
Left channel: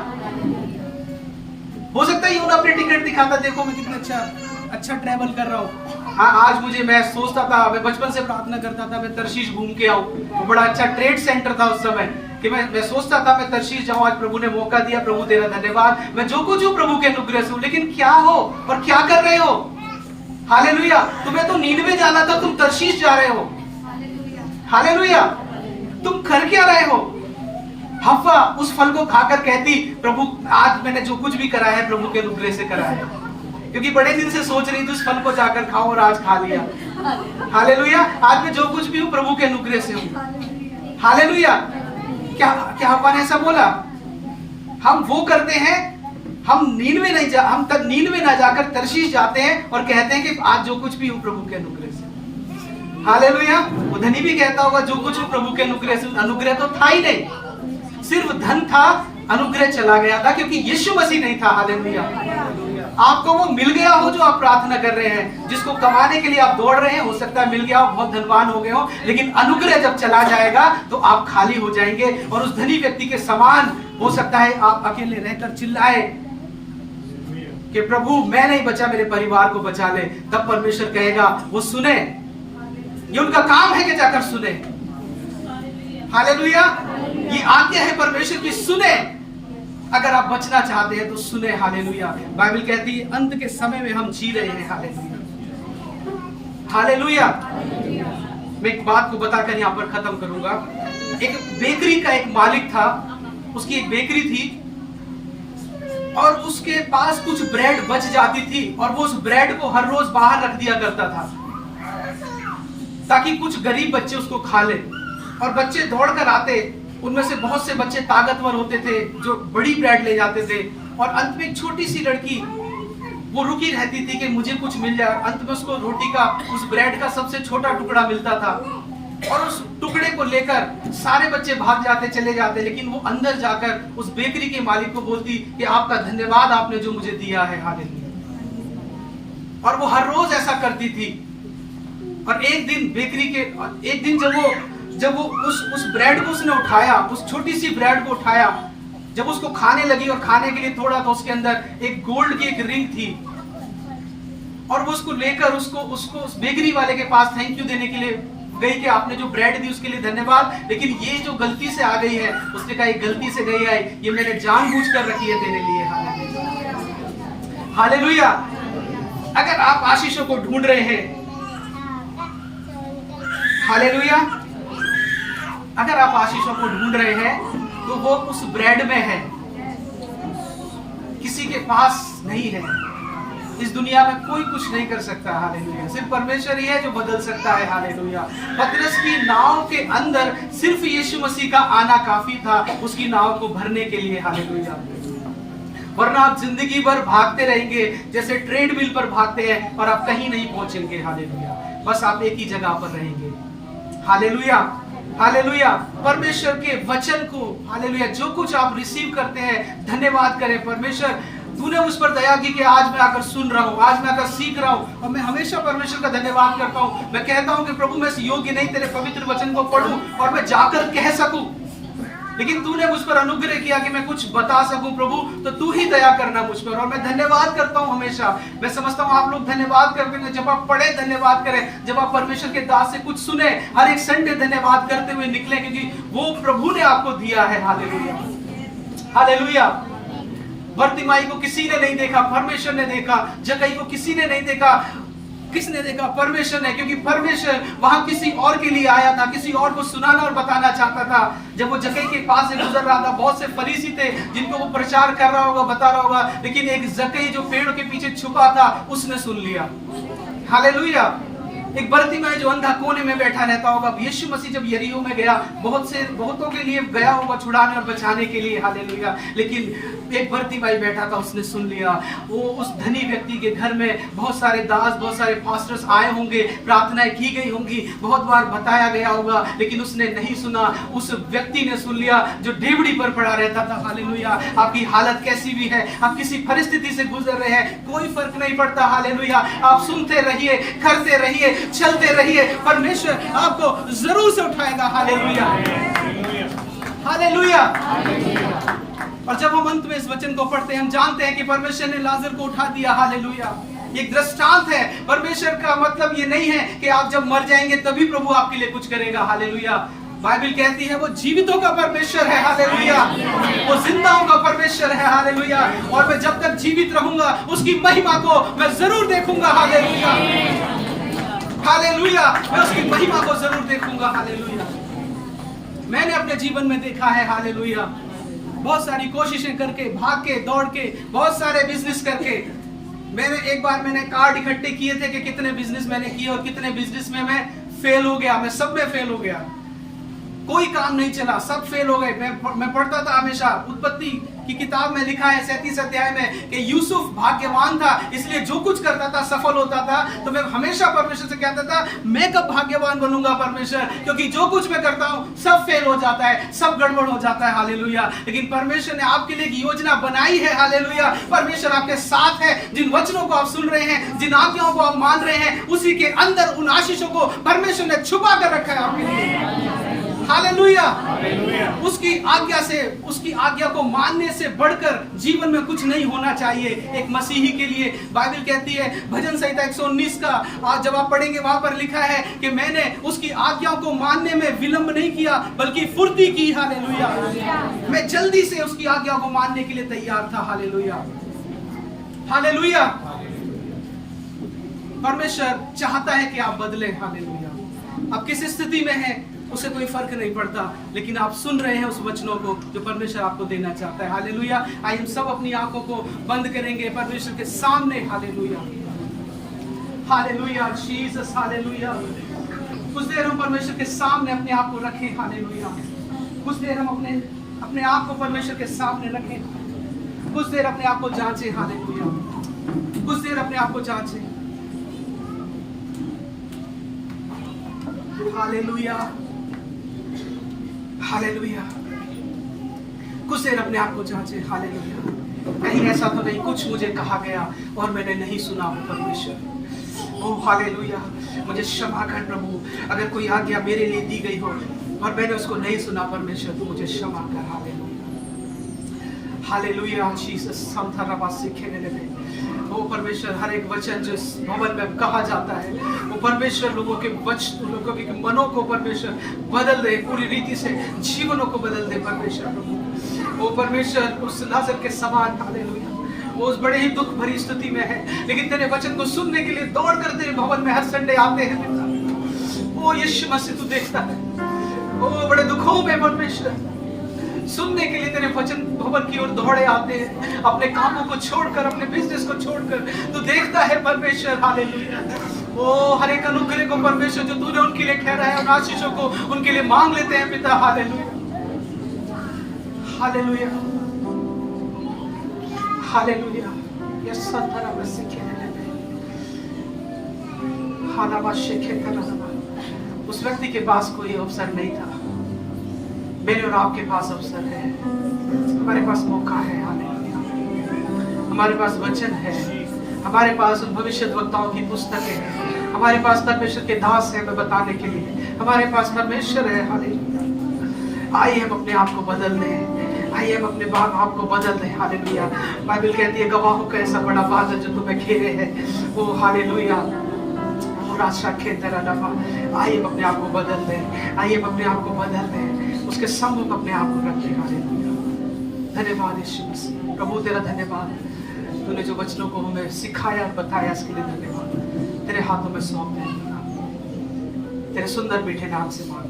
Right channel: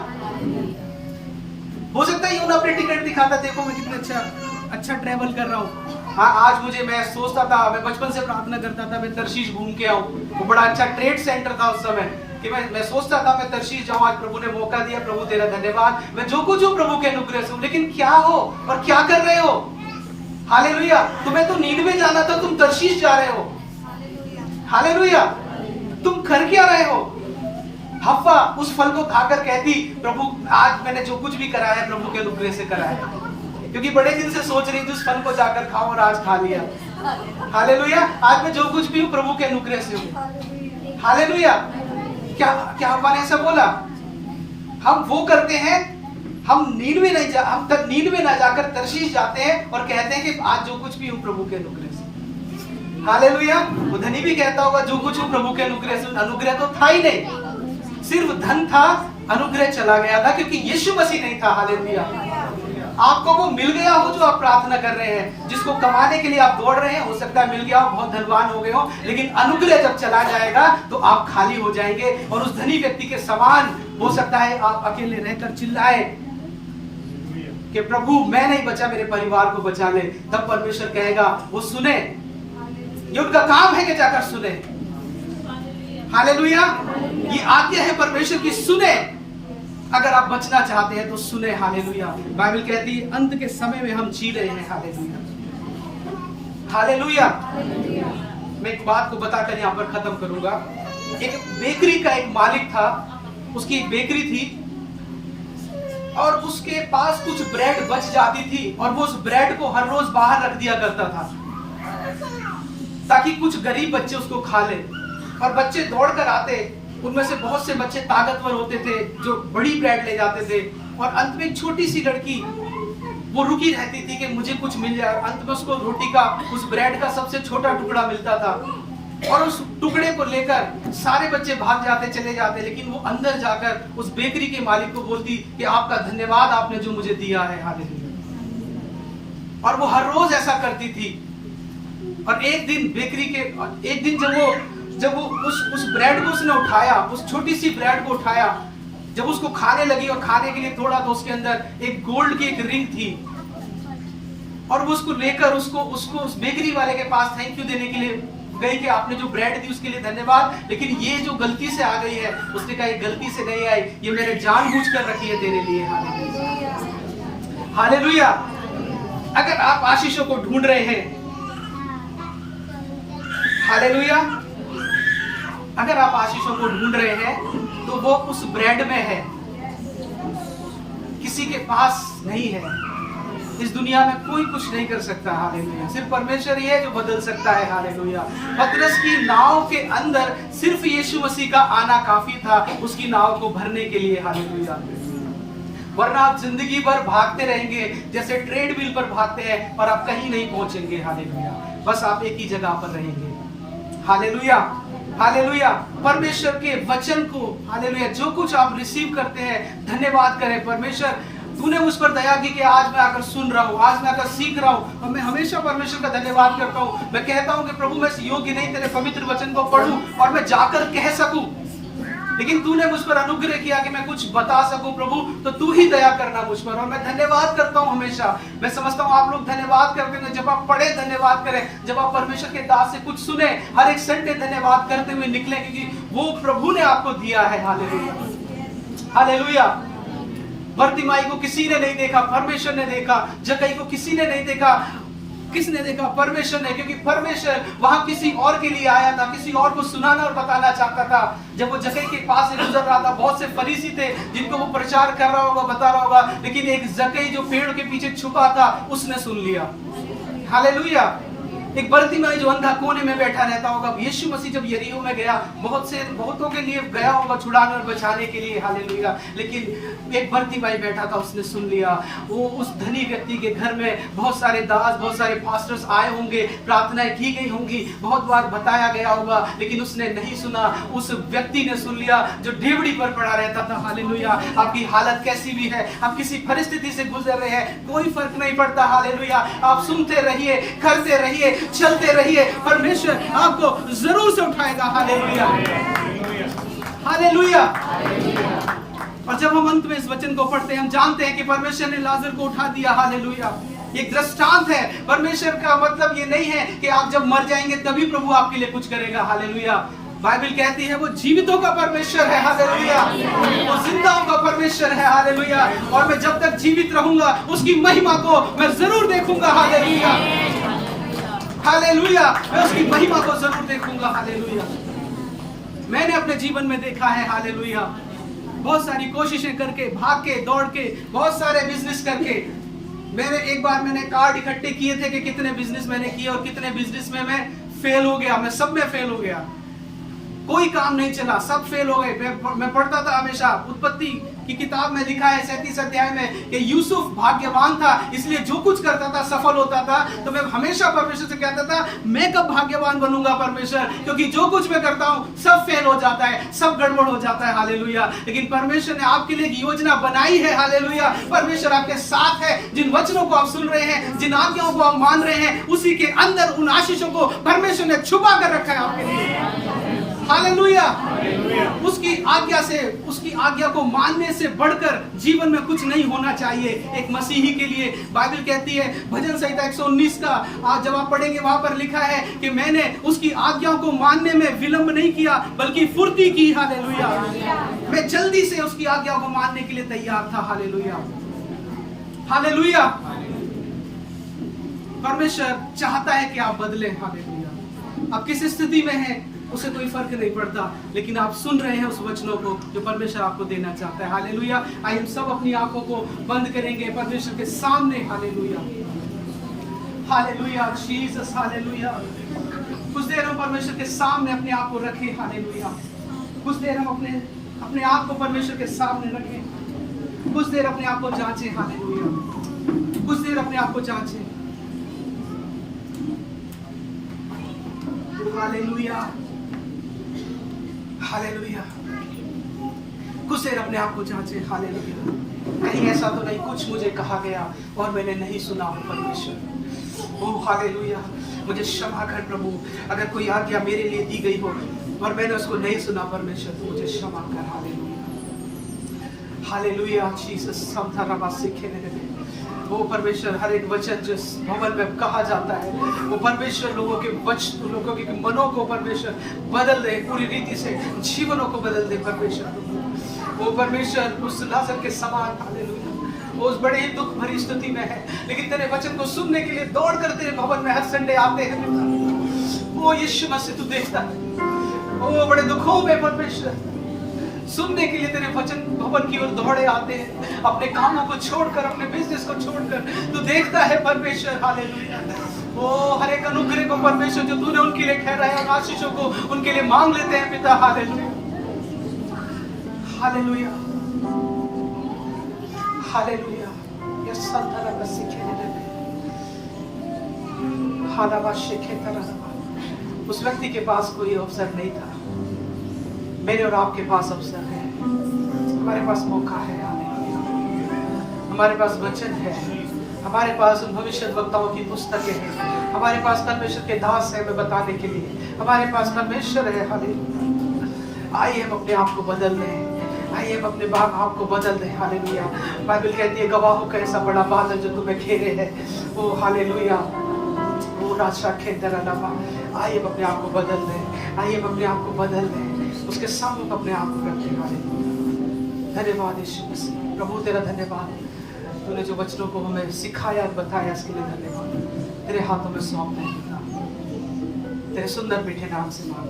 हो सकता है यूं अपने टिकट दिखाता, देखो मैं कितना अच्छा ट्रेवल कर रहा हूँ। हाँ, आज मैं सोचता था, मैं बचपन से प्रार्थना करता था मैं तर्शीश घूम के आऊं। वो बड़ा अच्छा ट्रेड सेंटर था उस समय, कि मैं सोचता था मैं तर्शीश जाऊं। आज प्रभु ने मौका दिया, प्रभु तेरा धन्यवाद। मैं जो कुछ हूं प्रभु के अनुग्रह से हूं। लेकिन क्या हो और क्या कर रहे हो? हालेलुया। तुम्हें तो नीनवे जाना था, तुम तर्शीश जा रहे हो। हालेलुया। तुम कर क्या रहे हो? हव्वा उस फल को खाकर कहती, प्रभु आज मैंने जो कुछ भी करा है प्रभु के अनुग्रह से करा है, क्योंकि बड़े दिन से सोच रही थी उस फल को जाकर खाऊं और आज खा लिया। हालेलुया। आज मैं जो कुछ भी हूं प्रभु के अनुग्रह से हूं। हालेलुया। क्या हव्वा ने ऐसा बोला? हम वो करते हैं, हम नीनवे ना जाकर तर्शीश जाते हैं और कहते हैं कि आज जो कुछ भी हूं प्रभु के अनुग्रह से। हालेलुया। तो धनी भी कहता होगा जो कुछ हूं प्रभु के अनुग्रह से। अनुग्रह तो था ही नहीं, सिर्फ धन था, अनुग्रह चला गया था, क्योंकि यीशु मसीह नहीं था। हालेलुया। आपको वो मिल गया हो जो आप प्रार्थना कर रहे हैं, जिसको कमाने के लिए आप दौड़ रहे हैं, हो सकता है मिल गया हो, बहुत धनवान हो गए हो, लेकिन अनुग्रह जब चला जाएगा तो आप खाली हो जाएंगे और उस धनी व्यक्ति के समान हो सकता है आप अकेले रहकर चिल्लाए कि प्रभु मैं नहीं बचा, मेरे परिवार को बचा ले। तब परमेश्वर कहेगा वो सुने, ये उनका काम है कि जाकर सुने। हालेलुया, ये आज्ञा है परमेश्वर की, सुने। अगर आप बचना चाहते हैं तो सुने। हालेलुया, बाइबल कहती है अंत के समय में हम जी रहे हैं। Hallelujah, hallelujah. मैं एक बात को बताकर यहां पर खत्म करूंगा। एक बेकरी का एक मालिक था, उसकी एक बेकरी थी और उसके पास कुछ ब्रेड बच जाती थी और वो उस ब्रेड को हर रोज बाहर रख दिया करता था ताकि कुछ गरीब बच्चे उसको खा ले। और बच्चे दौड़ कर आते, उनमें से बहुत से बच्चे ताकतवर होते थे जो बड़ी ब्रेड ले जाते थे, और अंत में एक छोटी सी लड़की वो रुकी रहती थी कि मुझे कुछ मिल जाए। अंत में उसको रोटी का, उस ब्रेड का सबसे छोटा टुकड़ा मिलता था और उस टुकड़े को लेकर सारे बच्चे भाग जाते, चले जाते, लेकिन वो अंदर जाकर उस बेकरी के मालिक को बोलती कि आपका धन्यवाद, आपने जो मुझे दिया है। हालेलुया। और वो हर रोज ऐसा करती थी। और एक दिन जब वो उस ब्रेड को उसने उठाया, उस छोटी सी ब्रेड को उठाया, जब उसको खाने लगी और खाने के लिए थोड़ा, तो उसके अंदर एक गोल्ड की एक रिंग थी और वो उसको लेकर उसको उस बेकरी वाले के पास थैंक यू देने के लिए गई कि आपने जो ब्रेड दी उसके लिए धन्यवाद, लेकिन ये जो गलती से आ गई है, उसने कहा ये गलती से नहीं आई, ये मैंने जानबूझकर रखी है तेरे लिए। हालेलुया। अगर आप आशीषों को ढूंढ रहे हैं, हालेलुया, अगर आप आशीषों को ढूंढ रहे हैं तो वो उस ब्रेड में है, किसी के पास नहीं है। इस दुनिया में कोई कुछ नहीं कर सकता। हालेलुया, सिर्फ परमेश्वर ही है जो बदल सकता है। हालेलुया। पतरस की नाव के अंदर सिर्फ यीशु मसीह का आना काफी था उसकी नाव को भरने के लिए। हालेलुया। वरना आप जिंदगी भर भागते रहेंगे जैसे ट्रेडमिल पर भागते हैं और आप कहीं नहीं पहुंचेंगे। हालेलुया। बस आप एक ही जगह पर रहेंगे। Hallelujah, hallelujah. परमेश्वर के वचन को, हालेलुया, जो कुछ आप रिसीव करते हैं, धन्यवाद करें। परमेश्वर तूने मुझ पर दया की कि आज मैं आकर सुन रहा हूँ, आज मैं आकर सीख रहा हूँ, और मैं हमेशा परमेश्वर का धन्यवाद करता हूँ। मैं कहता हूँ कि प्रभु मैं योग्य नहीं तेरे पवित्र वचन को पढ़ूं और मैं जाकर कह सकूं, लेकिन तूने मुझ पर अनुग्रह किया कि मैं कुछ बता सकूं। प्रभु तो तू ही दया करना मुझ पर, और मैं धन्यवाद करता हूं हमेशा। मैं समझता हूं आप लोग धन्यवाद करते हैं, जब आप पढ़े धन्यवाद करें, जब आप परमेश्वर के दास से कुछ सुने, हर एक संडे धन्यवाद करते हुए निकले, क्योंकि वो प्रभु ने आपको दिया है। Hallelujah, hallelujah. बर्तिमाई को किसी ने नहीं देखा, परमेश्वर ने देखा। जक्कई को किसी ने नहीं देखा, किसने देखा? परमेश्वर ने, क्योंकि परमेश्वर वहां किसी और के लिए आया था, किसी और को सुनाना और बताना चाहता था। जब वो जक्कई के पास से गुजर रहा था, बहुत से फरीसी थे जिनको वो प्रचार कर रहा होगा, बता रहा होगा, लेकिन एक जक्कई जो पेड़ के पीछे छुपा था, उसने सुन लिया। हालेलुया। एक बर्तिमाई जो अंधा कोने में बैठा रहता होगा, यीशु मसीह जब यरीहो में गया, बहुतों के लिए गया होगा छुड़ाने और बचाने के लिए। हालेलुया। लेकिन एक बर्तिमाई बैठा था, उसने सुन लिया। वो उस धनी व्यक्ति के घर में बहुत सारे दास, बहुत सारे पास्टर्स आए होंगे, प्रार्थनाएं की गई होंगी, बहुत बार बताया गया होगा, लेकिन उसने नहीं सुना। उस व्यक्ति ने सुन लिया जो डेवड़ी पर पड़ा रहता था। हालेलुया। आपकी हालत कैसी भी है, आप किसी परिस्थिति से गुजर रहे हैं, कोई फर्क नहीं पड़ता। हालेलुया। आप सुनते रहिए, करते रहिए, चलते रहिए, परमेश्वर आपको जरूर से उठाएगा। Hallelujah, hallelujah. और जब हम अंत में इस वचन को पढ़ते हैं, हम जानते हैं कि परमेश्वर ने लाजर को उठा दिया। हालेलुया। एक दृष्टांत है। परमेश्वर का मतलब ये नहीं है कि आप जब मर जाएंगे तभी प्रभु आपके लिए कुछ करेगा। हालेलुया। बाइबल कहती है वो जीवितों का परमेश्वर है। हालेलुया। वो जिंदाओं का परमेश्वर है। हालेलुया। और मैं जब तक जीवित रहूंगा उसकी महिमा को मैं जरूर देखूंगा। Hallelujah, hallelujah. मैं उसकी महिमा को जरूर देखूंगा। हालेलुया। मैंने अपने जीवन में देखा है, हालेलुया, बहुत सारी कोशिशें करके, भाग के, दौड़ के, बहुत सारे बिजनेस करके, एक बार मैंने कार्ड इकट्ठे किए थे कि कितने बिजनेस मैंने किए और कितने बिजनेस में मैं फेल हो गया। मैं सब में फेल हो गया। कोई काम नहीं चला, सब फेल हो गए। मैं पढ़ता था हमेशा, उत्पत्ति की किताब में लिखा है 37 अध्याय में कि यूसुफ भाग्यवान था, इसलिए जो कुछ करता था सफल होता था। तो मैं हमेशा परमेश्वर से कहता था, मैं कब भाग्यवान बनूंगा परमेश्वर, क्योंकि जो कुछ मैं करता हूं सब फेल हो जाता है, सब गड़बड़ हो जाता है। हालेलुया। लेकिन परमेश्वर ने आपके लिए एक योजना बनाई है। हालेलुया। परमेश्वर आपके साथ है। जिन वचनों को आप सुन रहे हैं, जिन आज्ञाओं को आप मान रहे हैं, उसी के अंदर उन आशीषों को परमेश्वर ने छुपा कर रखा है आपके लिए। हालेलुया। उसकी आज्ञा से, उसकी आज्ञा को मानने से बढ़कर जीवन में कुछ नहीं होना चाहिए एक मसीही के लिए। बाइबल कहती है भजन संहिता 119 का आज जब आप पढ़ेंगे वहां पर लिखा है कि मैंने उसकी आज्ञाओं को मानने में विलंब नहीं किया बल्कि फुर्ती की। हालेलुया। मैं जल्दी से उसकी आज्ञा को मानने के लिए तैयार था। हालेलुया। हालेलुया। परमेश्वर चाहता है कि आप बदलें। हालेलुया। आप किस स्थिति में हैं उसे कोई फर्क नहीं पड़ता, लेकिन आप सुन रहे हैं उस वचनों को जो परमेश्वर आपको देना चाहता है। हालेलुया। आइए हम सब अपनी आंखों को बंद करेंगे परमेश्वर के सामने। हालेलुया। हालेलुया। जीसस। हालेलुया। कुछ देर हम परमेश्वर के सामने अपने आप को रखें। हालेलुया। कुछ देर हम अपने आप को परमेश्वर के सामने रखें। कुछ देर अपने आप को जांचें। हालेलुया। कुछ देर अपने आप को जांचें। हालेलुया। हालेलुया। कुछ देर अपने आप को जांचें। हालेलुया। कहीं ऐसा तो नहीं कुछ मुझे कहा गया और मैंने नहीं सुना हो परमेश्वर। ओ हालेलुया। मुझे क्षमा कर प्रभु, अगर कोई आज्ञा मेरे लिए दी गई हो और मैंने उसको नहीं सुना परमेश्वर, तो मुझे क्षमा कर। हालेलुया। हालेलुया। जीसस। वो परमेश्वर हर एक वचन जो भवन में कहा जाता है वो परमेश्वर लोगों के मनों को परमेश्वर बदल दे, पूरी रीति से जीवनों को बदल दे परमेश्वर। वो परमेश्वर उस लाजर के समान। हालेलुया। वो उस बड़े ही दुख भरी स्थिति में है, लेकिन तेरे वचन को सुनने के लिए दौड़ कर तेरे भवन में हर संडे आते हैं पिता। वो यीशु मसीह तू देखता है, वो बड़े दुखों में परमेश्वर सुनने के लिए तेरे वचन भवन की ओर दौड़े आते हैं, अपने कामों को छोड़कर, अपने बिजनेस को छोड़कर तू देखता है परमेश्वर। हालेलुया। ओ हर एक अनुग्रह को परमेश्वर जो तूने उनके लिए ठहराया है, उन आशीषों को उनके लिए मांग लेते हैं पिता। हालेलुया। हालेलुया। हालेलुया। ये संतरा में सीखे उस व्यक्ति के पास कोई अवसर नहीं था, मेरे और आपके पास अवसर है। हमारे पास मौका है। हालेलुया। हमारे पास वचन है, हमारे पास उन भविष्यद्वक्ताओं की पुस्तकें हैं, हमारे पास परमेश्वर के दास है हमें बताने के लिए, हमारे पास परमेश्वर है। हालेलुया। आइए हम अपने आप को बदल लें, आइए हम अपने आप को बदल दें। हालेलुया। बाइबल कहती है गवाहों का ऐसा बड़ा बादल जो तुम्हें घेरे है। ओ हालेलुया। आइए अपने आप को बदल दें, आइए अपने आप को बदल दें, उसके सम्मुख अपने आप को रखें। हालेलुया। धन्यवाद यीशु मसीह। प्रभु तेरा धन्यवाद, तूने जो वचनों को हमें सिखाया और बताया इसके लिए धन्यवाद। तेरे हाथों में सौंप दें, तेरे सुंदर मीठे नाम से मांग